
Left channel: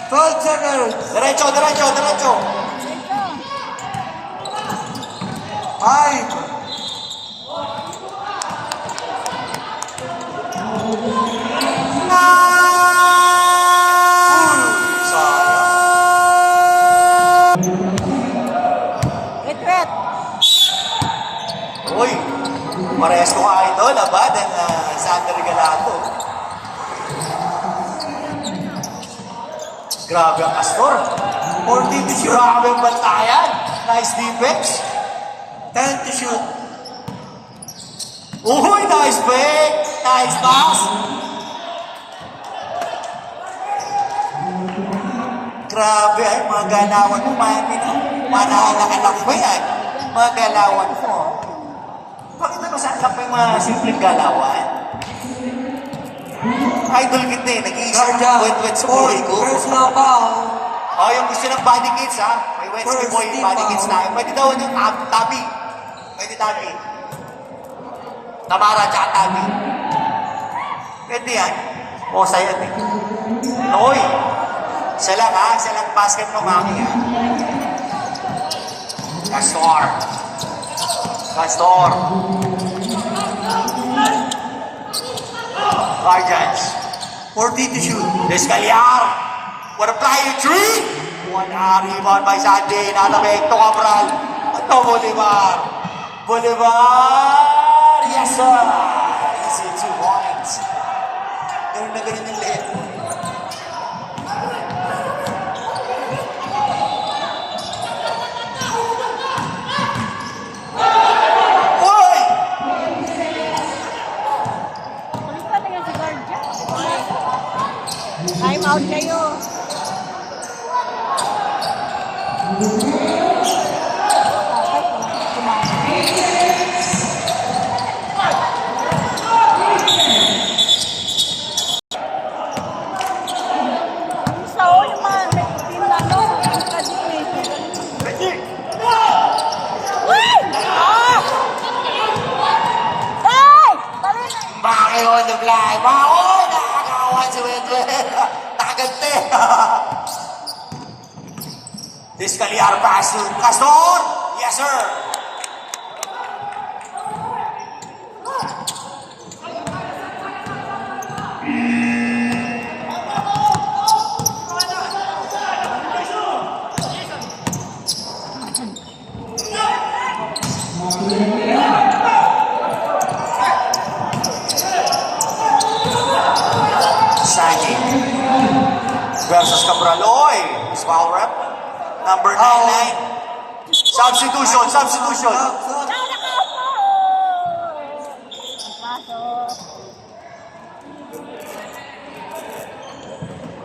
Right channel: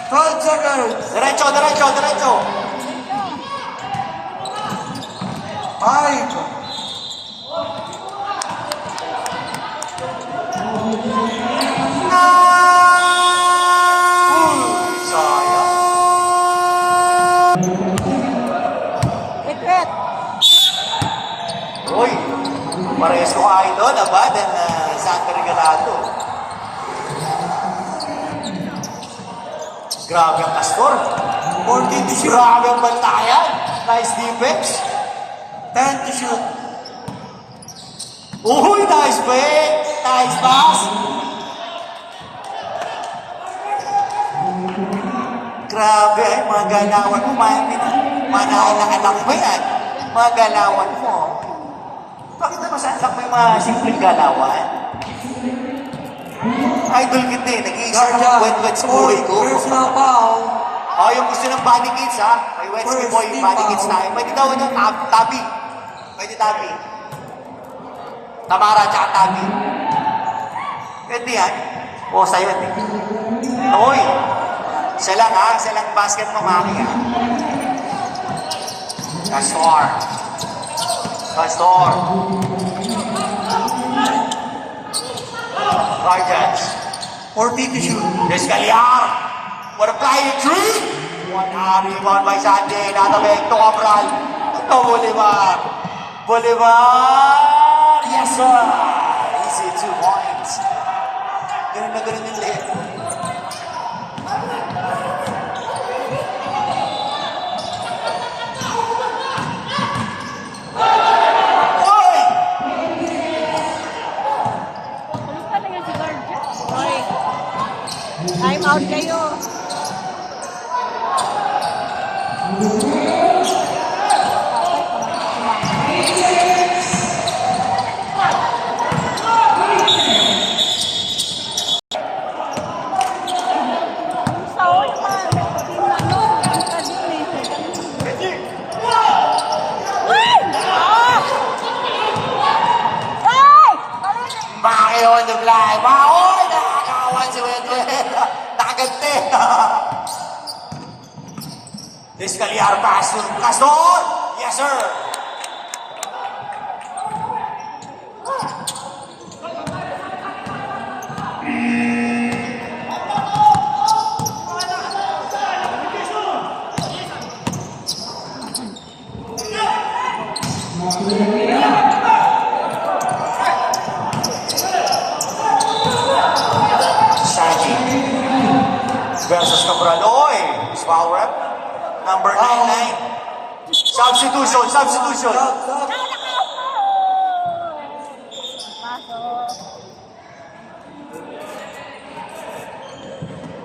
12 seconds. Diretso. High. Sayang. Retreat! Uy, parehas ko kain doon, abad, ang Sander Galado. Grabe ang Astor. 40 to shoot. Grabe ang bantayan. Nice defense. 10 to shoot. Uy, nice break. Nice pass. Grabe, ay mga ganawan mo, manaanak-anak mo yan. Mga ganawan mo. Bakit naman sa anak mo yung mga simpleng ganawan? Idol kita eh, nag-iisip ko ng wet-wet sa buhay ko. Personal foul. Oh, yung gusto ng body kids ha, may Wednesday boy yung body kids na. Pwede daw yung tabi. Pwede tabi. Tamara tsaka tabi. Pwede yan. O, sa'yo yan eh. Oy, siya lang ha, siya lang basket mamaki ha. Pastor. Guardians. 40 to shoot. Descaliar. What a flying tree! One rebound by Sandy. Natabek to Cabral. To Bolivar. Bolivar! Yes, sir! Easy 2 points. Ganun na ganun yung lahat. Oy! Kulit pa lang yung sigaw dyan. Time out kayo. Isa o yung mga team na ano, kita dun eh. Woo! Oh! Ay! Maki on the fly. Mao! Nakakawan si Wedwe. Nakagante. Descaliar pass to Castor. Yes, sir. Saji versus Cabral. Oy! Foul rep. Number 99. Substitution. Pasok.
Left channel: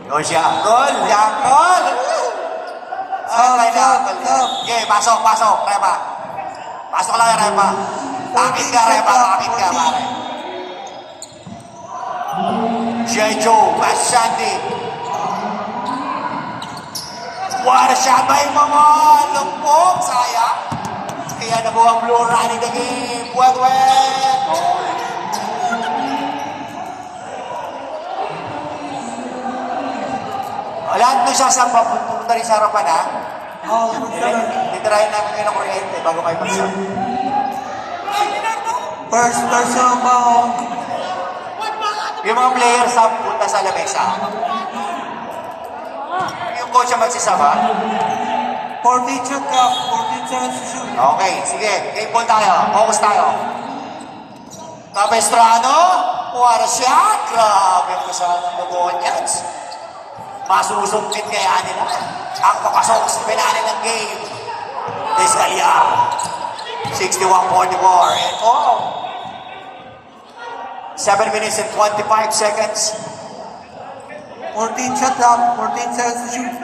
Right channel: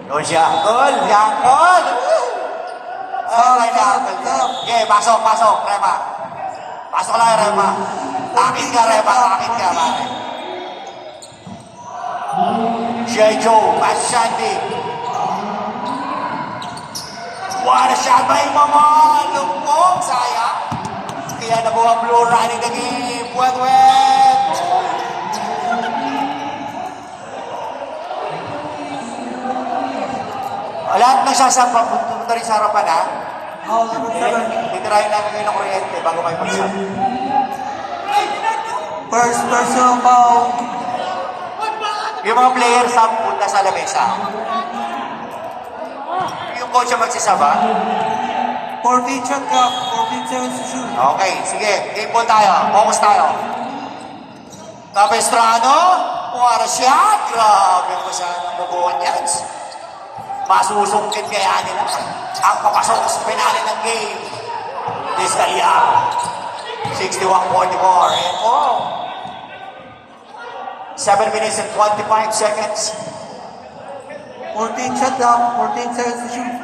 Go siya. Gol! Yakol! Okay, pasok. Repa. Pasok lang, Repa. Akit ka, Repa. Pare. G.I. Joe, Ashanti. What a shot by mga lumpong, sayang. Kaya nabuhang blue running the game. Wet. Lahat ng sasang papunta rin sa harapan, ha? Titirahin natin ngayon ng kuryente bago may pasok. First personal foul. Yung mga players sa punta sa lamesa. Yung coach ang magsisama. 14 shot clock. 14 seconds to shoot. Okay, sige. Game ball tayo. Focus tayo. Capestrano. What a shot. Grabe ko sa Mugonyans. Masusungkit kaya nila. Ang papasok sa finale ng game. Descaliar. 61-44. And 7 minutes and 25 seconds. 14 shot clock. 14 seconds to shoot.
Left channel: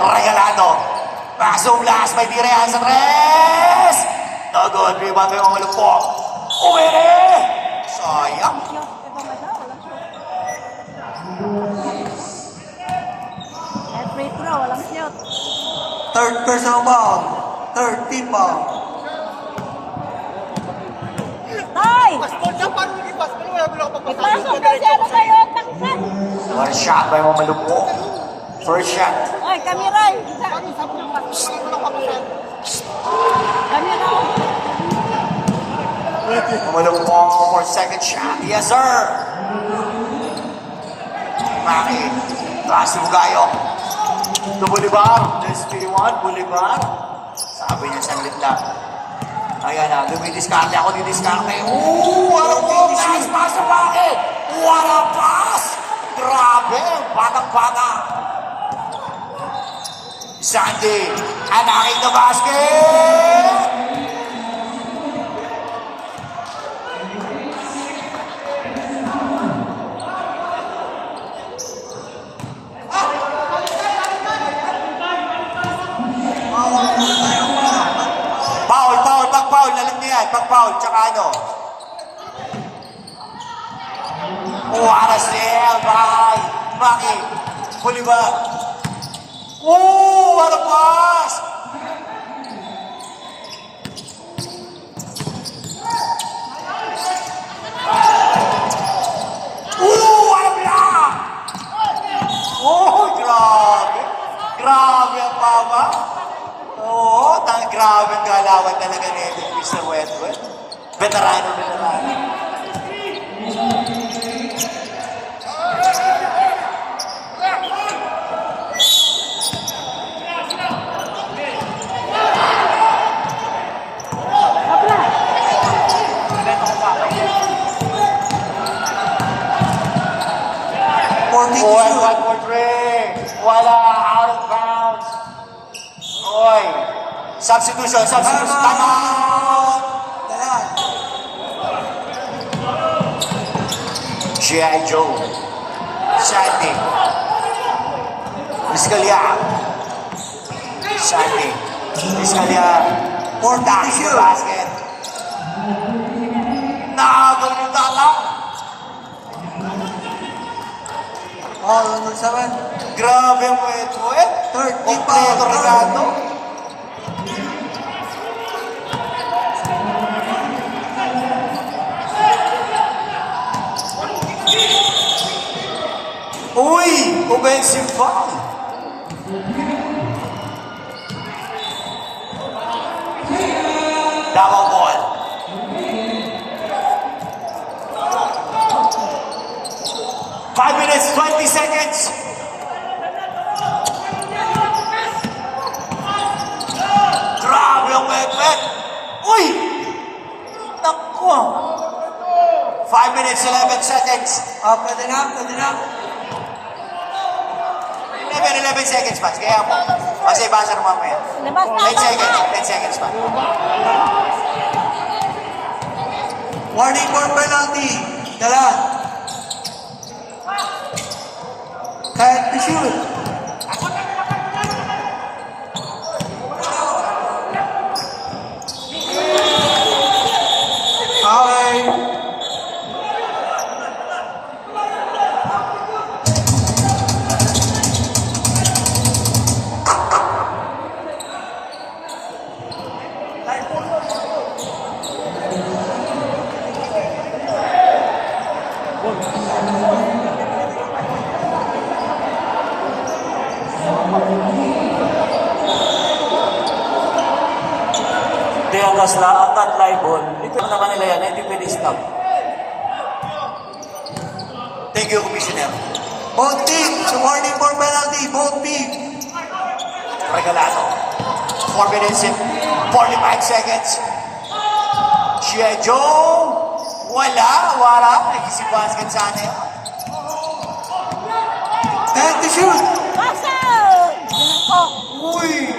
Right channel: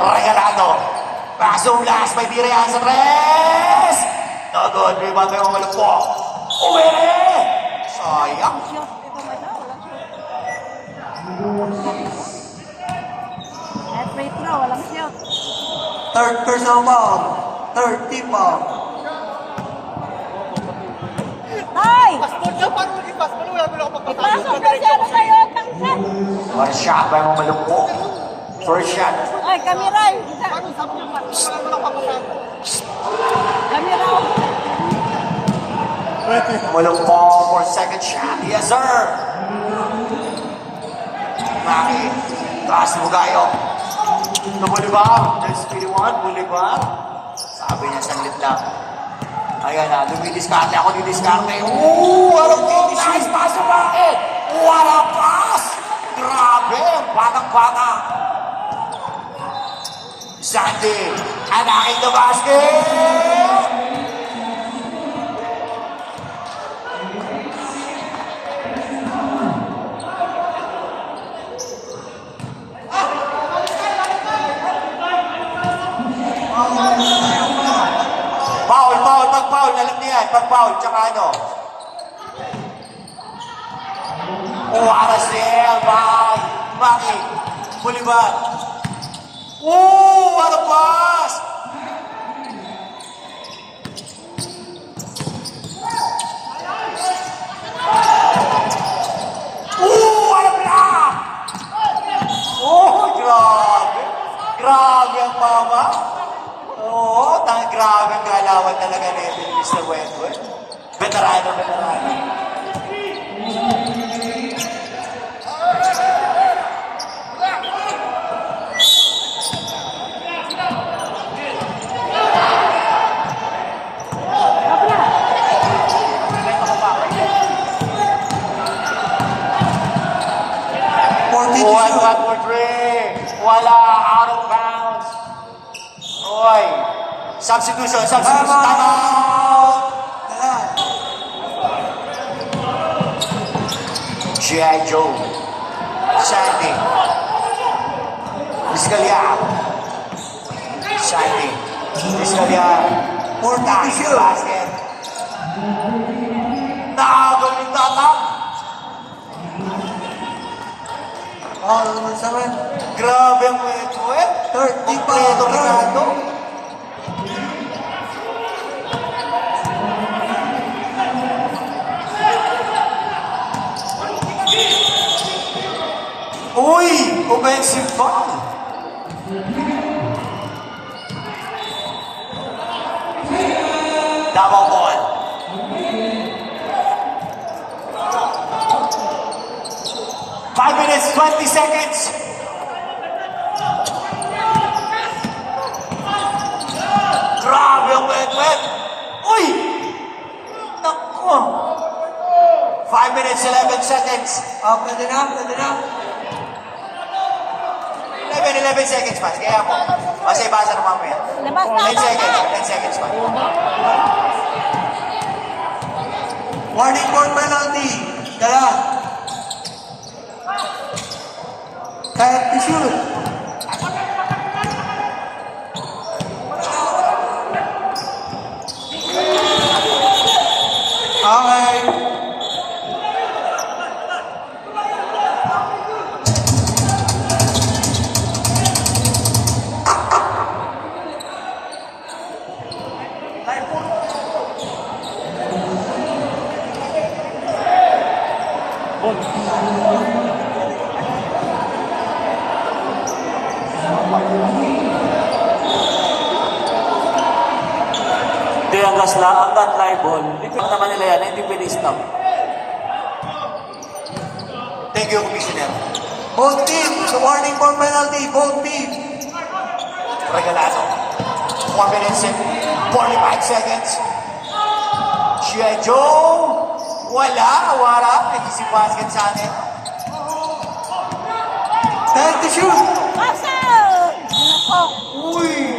Regalado. Pasong last. May direhan sa tres. No good. Rebound kayo mga malugpok. Uwi! Sayang. Shot. Ito may daw, walang shot. At free throw, walang shot. Third personal foul. Third team foul. Tay! Passport ka, paano naging passport? Wala mo lang kapagpasok. Ipasok na siya, ano kayo? Tangkat! One shot by mga malugpok. First shot. Ay, kami Ray! Paano sabi ng passport? Wala mo lang kapagpasok. Kami raw! Malugpok for second shot. Yes, sir. Maki. Taas mo kayo. To Bolivar. There's 21. Bolivar. Sabi niya saglit lang. Ayan na. Lumidiskarte ako. Didiskarte. What a nice pass sa Maki. What a pass. Grabe. Batak-bata. Sandy. Anakin the basket. Pag-foul, tsaka ano? What a save by Maki. Bolivar. What a pass! What a block! Grabe. Grabe ang mama. Grabe ang galawan talaga nito, Mr. Wedwed. Veterano. One shot for three. Wala. Out of bounds. Oy. Substitution. Substitution. Timeout! Dala. G.I. Joe. Sandy. Vizcalia. Sandy. Vizcalia. 40 to shoot. Basket. Nakagawin tama. All on 7. Grabe ang kwet. 30 Kompleto pa. Ricardo. Uy! Offensive foul. Davao ball. Five minutes, 20 seconds. Grabe ang wet. Uy! Naku! 5 minutes, 11 seconds. Pwede na, pwede na. 11 seconds pa. Kaya mo. Kasi basa naman mo yan. Labas na, 10 seconds. bata. 10 seconds pa. Warning for penalty. Dala. Kahit to shoot. Okay. Hindi, ang last lang, ang non-live ball. Likod naman nila yan, hindi pwede stop. Thank you, Commissioner. Both teams. Warning for penalty. Both teams. Regalado. 4 minutes and 45 seconds. G.I. Joe. Wala. Nag-isip basket sa atin. 10 to shoot. Basa! Ginako. Uy!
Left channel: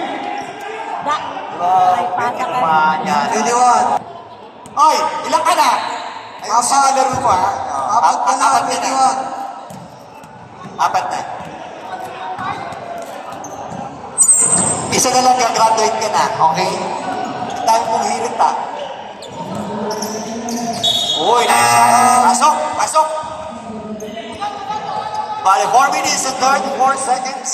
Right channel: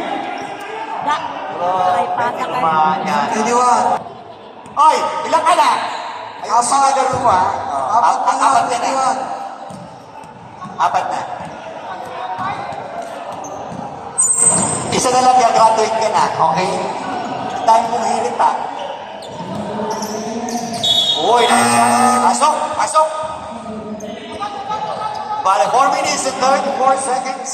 Da. Ay, pata ka. Yan. 21. Oy, ilang ka na? Ay, ang mga laro pa. Apat ka na. 21. Apat na. Isa na lang graduate ka na, okay? Ang dami mong hirit ha. Uy, pasok! Bale, 4 minutes and 34 seconds.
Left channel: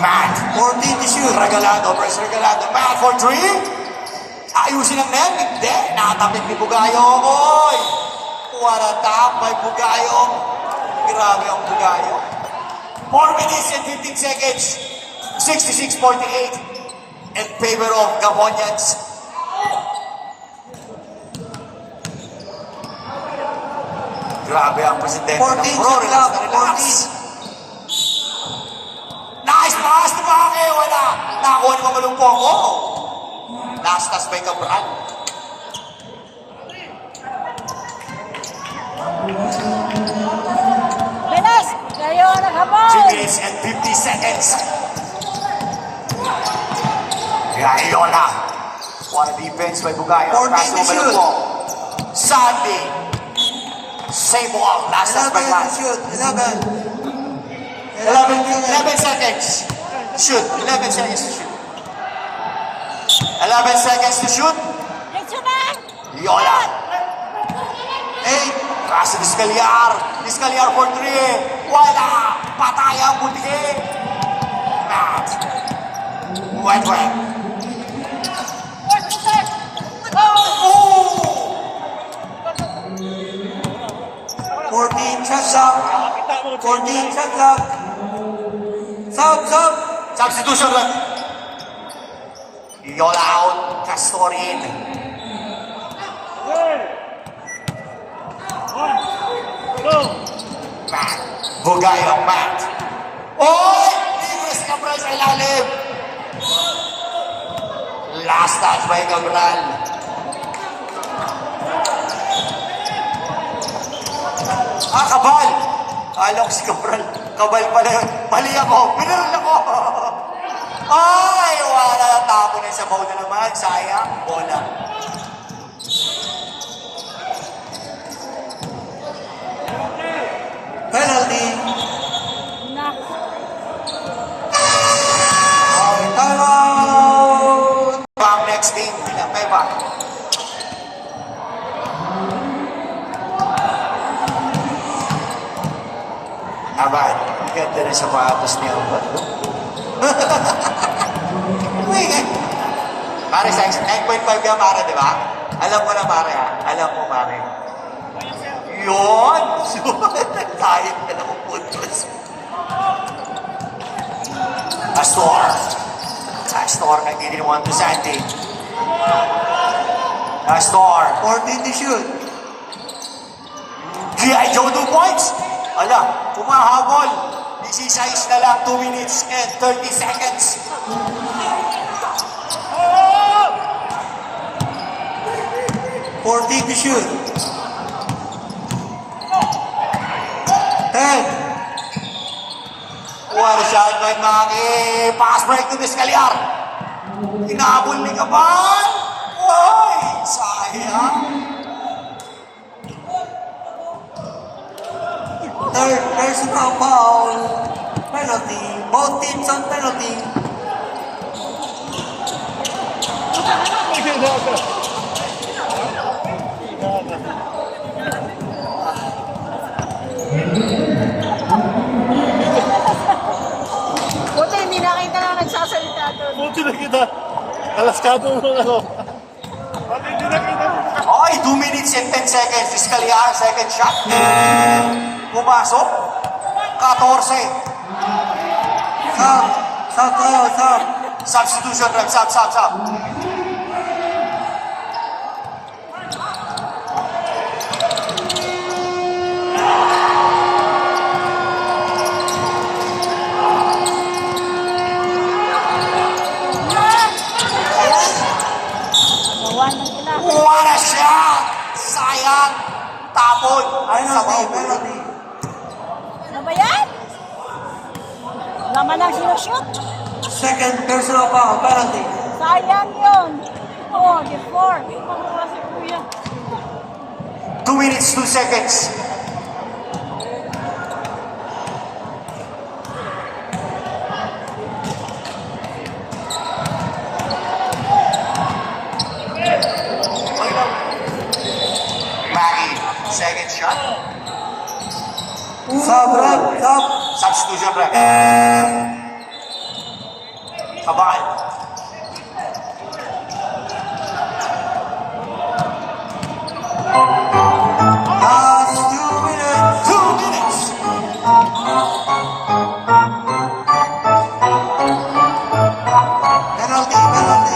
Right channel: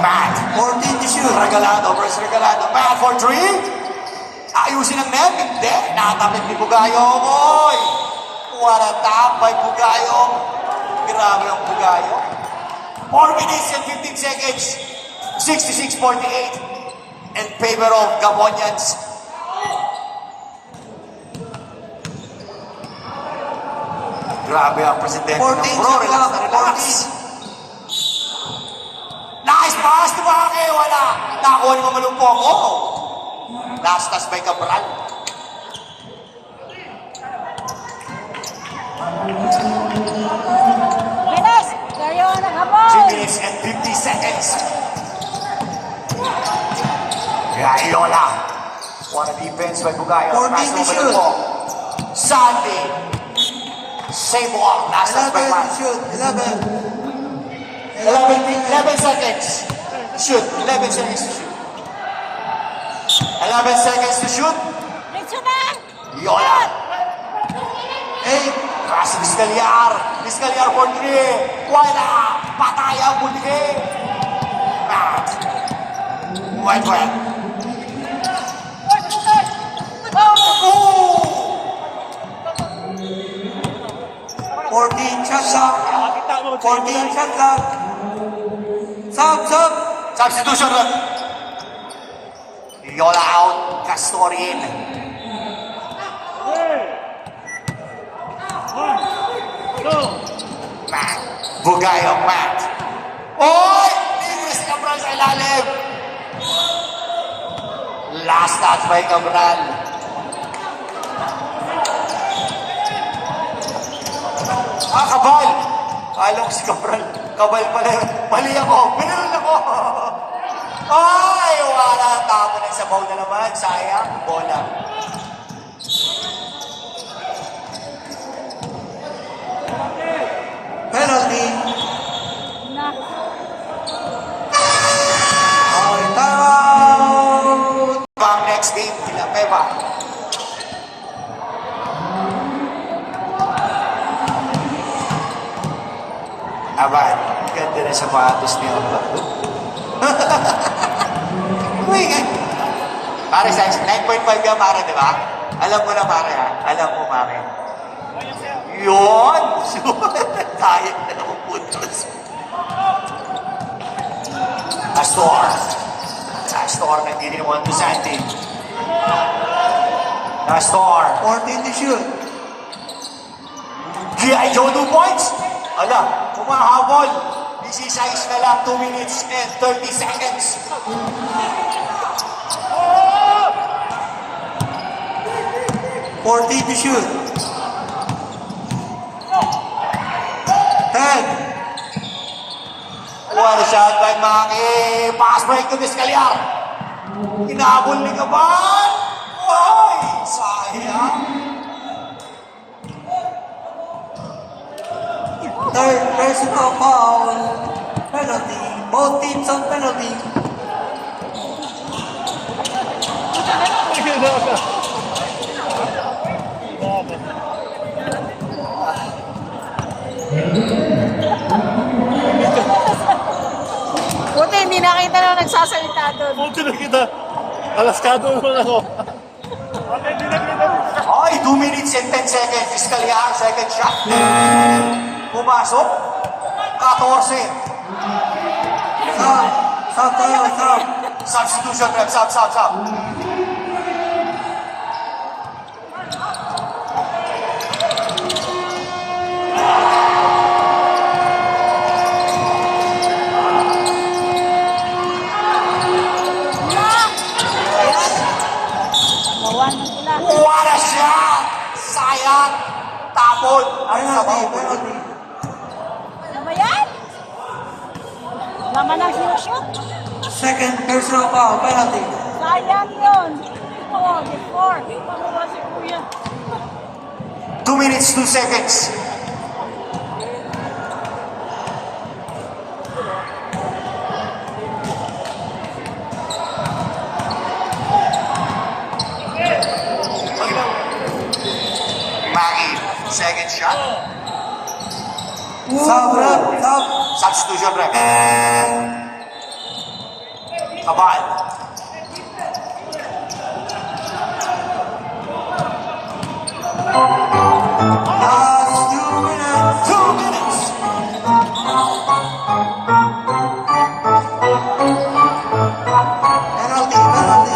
Matt. 14 to shoot. Regalado versus Regalado. Matt for three. Ayusin ang net. Hindi. Nakatapit ni Bugayong. Oy! Wala tapay Bugayong. Grabe ang Bugayong. 4 minutes and 15 seconds. 66-48. In favor of Gabonians. Grabe ang presidente 14 ng Pro. Relax na relax. 14. Nice pass to Bake! Wala! Nakakuha naman mo ng poko. Last by Cabral. Pinas! Seryo na naman! 3 minutes and 50 seconds. Rayola. What a defense by Bugayo. 14 Pass to over the shoot. wall. Sandy. Same ball. Last 11 by to one. shoot. 11. 11 seconds. Shoot. 11 seconds to shoot. 11 seconds to shoot. Diretso na! Yola. 8. Pass to Vizcaliar. Vizcaliar for 3. Wala. Patay ang bunhe. Matt. White. Oh! 14 shot clock. 14 shot clock. Sub. Substitution lang. Yola out. Castor in. Matt. Bugayo, Matt. Oh! Iris Cabral sa ilalim. Last touch by Cabral. Kabal! Alam ko si Cabral. Kabal pala yun. Mali ako. Piniril ako. Ay, wala. Tapo na sa bowl na naman. Sayang. Bola. Penalty. Ball out. Come next game. Peva. Abad. Ganda na sapatos niya. Uy, pare, 9.5 ka, pare, di ba? Alam mo na, pare. Alam mo, pare. Yun! Dahil na ng puntos. Astor, nagtitinawan to Santi. Astor. 14 to shoot. G.I. Joe 2 points. Ala, kumahabol. This is size na lang, 2 minutes and 30 seconds. Oh! 14 to shoot. 10. What a shot by Mangi. Pass break to Vizcalyar. Kinabol ni Cabal. Ay, sayang. Third personal foul. Penalty. Both teams on penalty. Buti hindi nakita na nagsasalita doon. Buti na kita. Alaskado mo ako. Okay, 2 minutes and 10 seconds. Vizcalyar, second shot. Pumasok. 14. Sub. Sub tayo, sub. Substitution rep. Sub. Ayan. Gawa ng sila. Wala siya. Sayang. Tapon. Penalty, penalty. Ano ba yan? Naman ang sinushoot. Second personal foul. Penalty. Sayang yun. Oo, before. Pamuha si Kuya. 2 minutes, 2 seconds. Maggie, second shot. Sub, rep, sub. Substitution rep. Cabal. Last 2 minutes. 2 minutes. Penalty, penalty.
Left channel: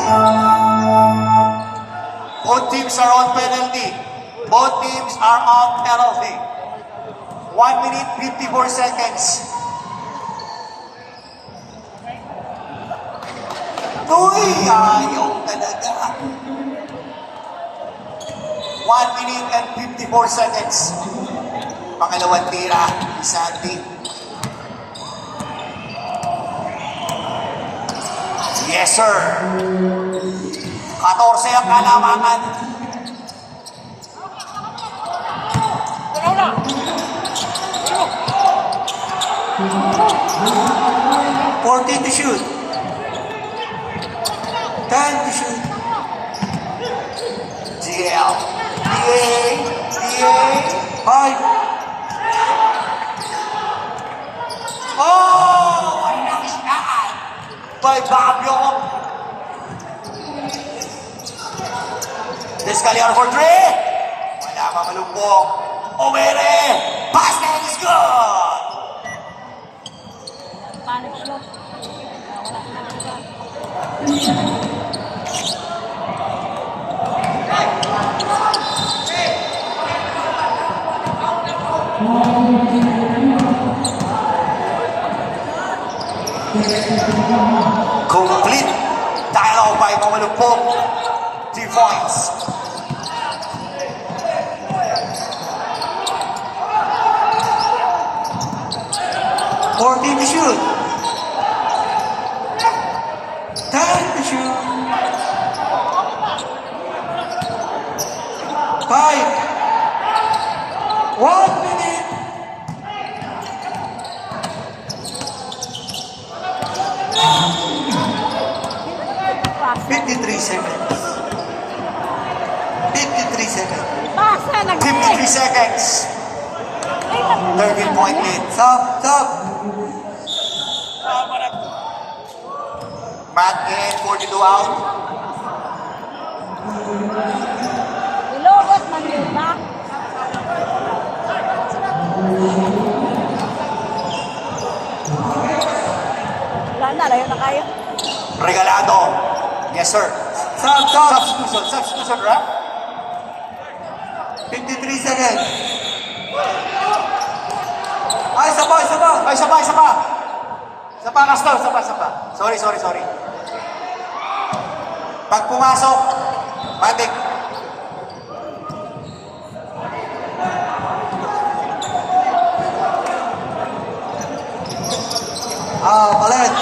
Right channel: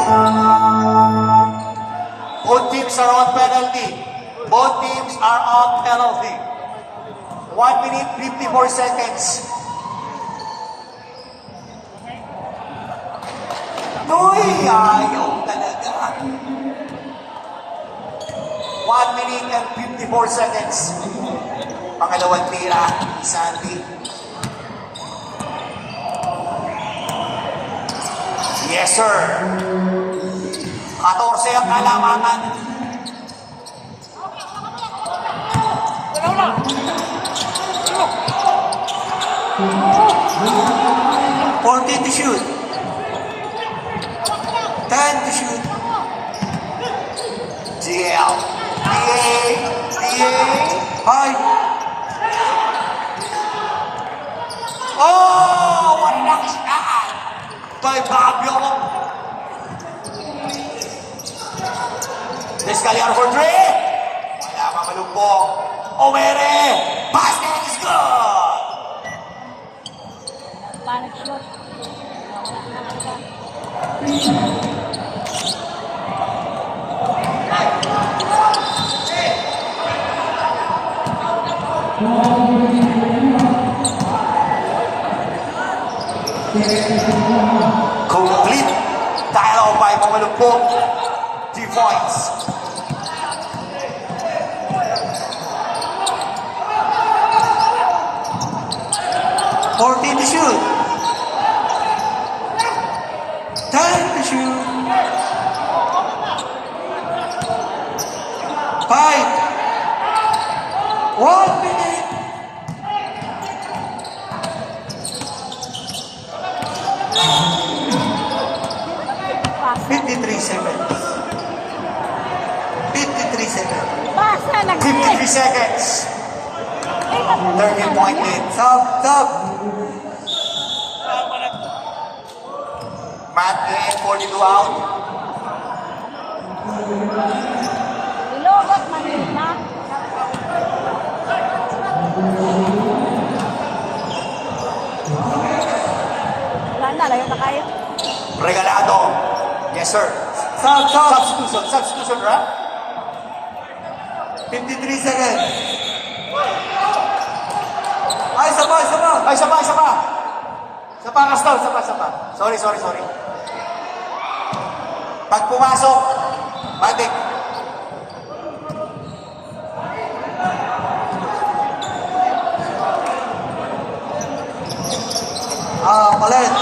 Both teams are on penalty. Both teams are on penalty. 1 minute, 54 seconds. Uy, ayaw talaga. 1 minute and 54 seconds. Pangalawang tira, Santi. Yes, sir. 14 ang kalamangan. Wala na. Ano? 14 to shoot. 10 to shoot. GL. DA. 5. Oh, wala siya. By Babyo. Vizcalyar for 3. Wala pa malumpong. Omere. Basket is good. Panic shot. Wala na iba. Complete Final by Mamalupok. 3 points. Fourteen to shoot. 10 to shoot. 5. 1 minute. Pasa. 53 seconds. 53 seconds. Pasa, 53 seconds. 13-point lead. Sub, sub. Matt in, 42 out. Ilogat man yun, ha? Wala na, layo na kayo. Regalado. Yes, sir. Sub, sub. Substitution, right? 53 seconds. Ay, saba, saba. Ay, isa pa. Isa pa, Castel. Isa pa. Sorry. Pag pumasok, matik. Palit.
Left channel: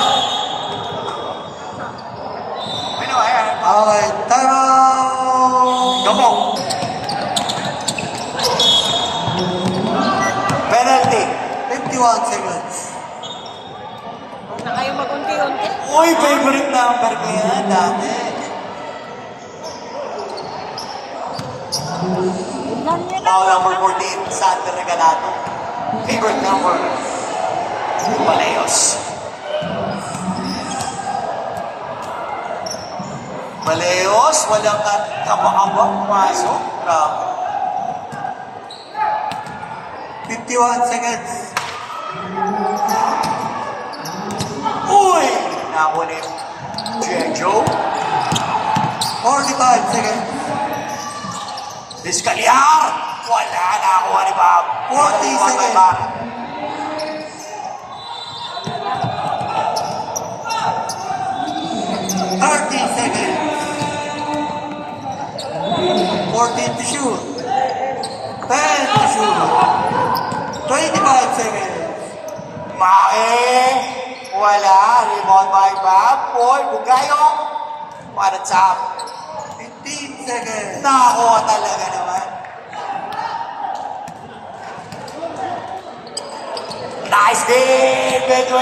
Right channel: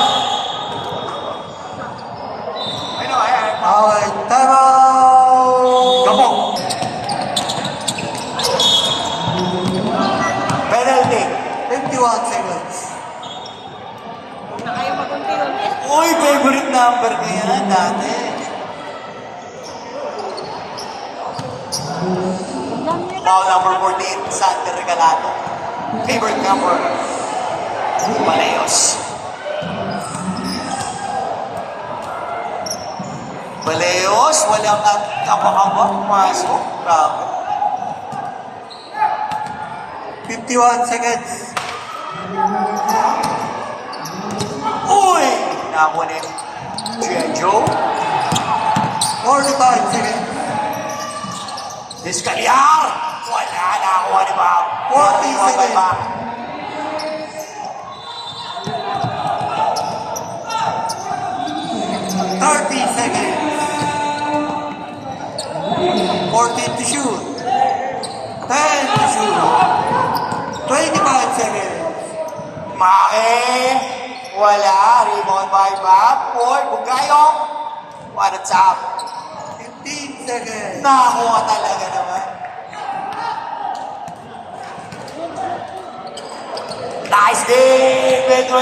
Ano, ayan. Okay, time out. Gamo. Penalty. 51 seconds. Huwag na kayo mag-unti-unti. Uy, favorite number ko yan dati. Tignan niyo na. Foul number 14, Sander Regalado. Favorite number. Baleos, walang kabang pumasok. Bravo. 51 seconds. Uy! Nakunin. G.I. Joe. 45 seconds. Discaliar! Wala na ako, ni Bob. 40 seconds. Seconds. 14 to shoot. 10 to shoot. 25 seconds. Wala. Rebound by Bob. Boy, Bugayong. What's up? 15 seconds. Nakakuha talaga naman. Nice game, Bedouin.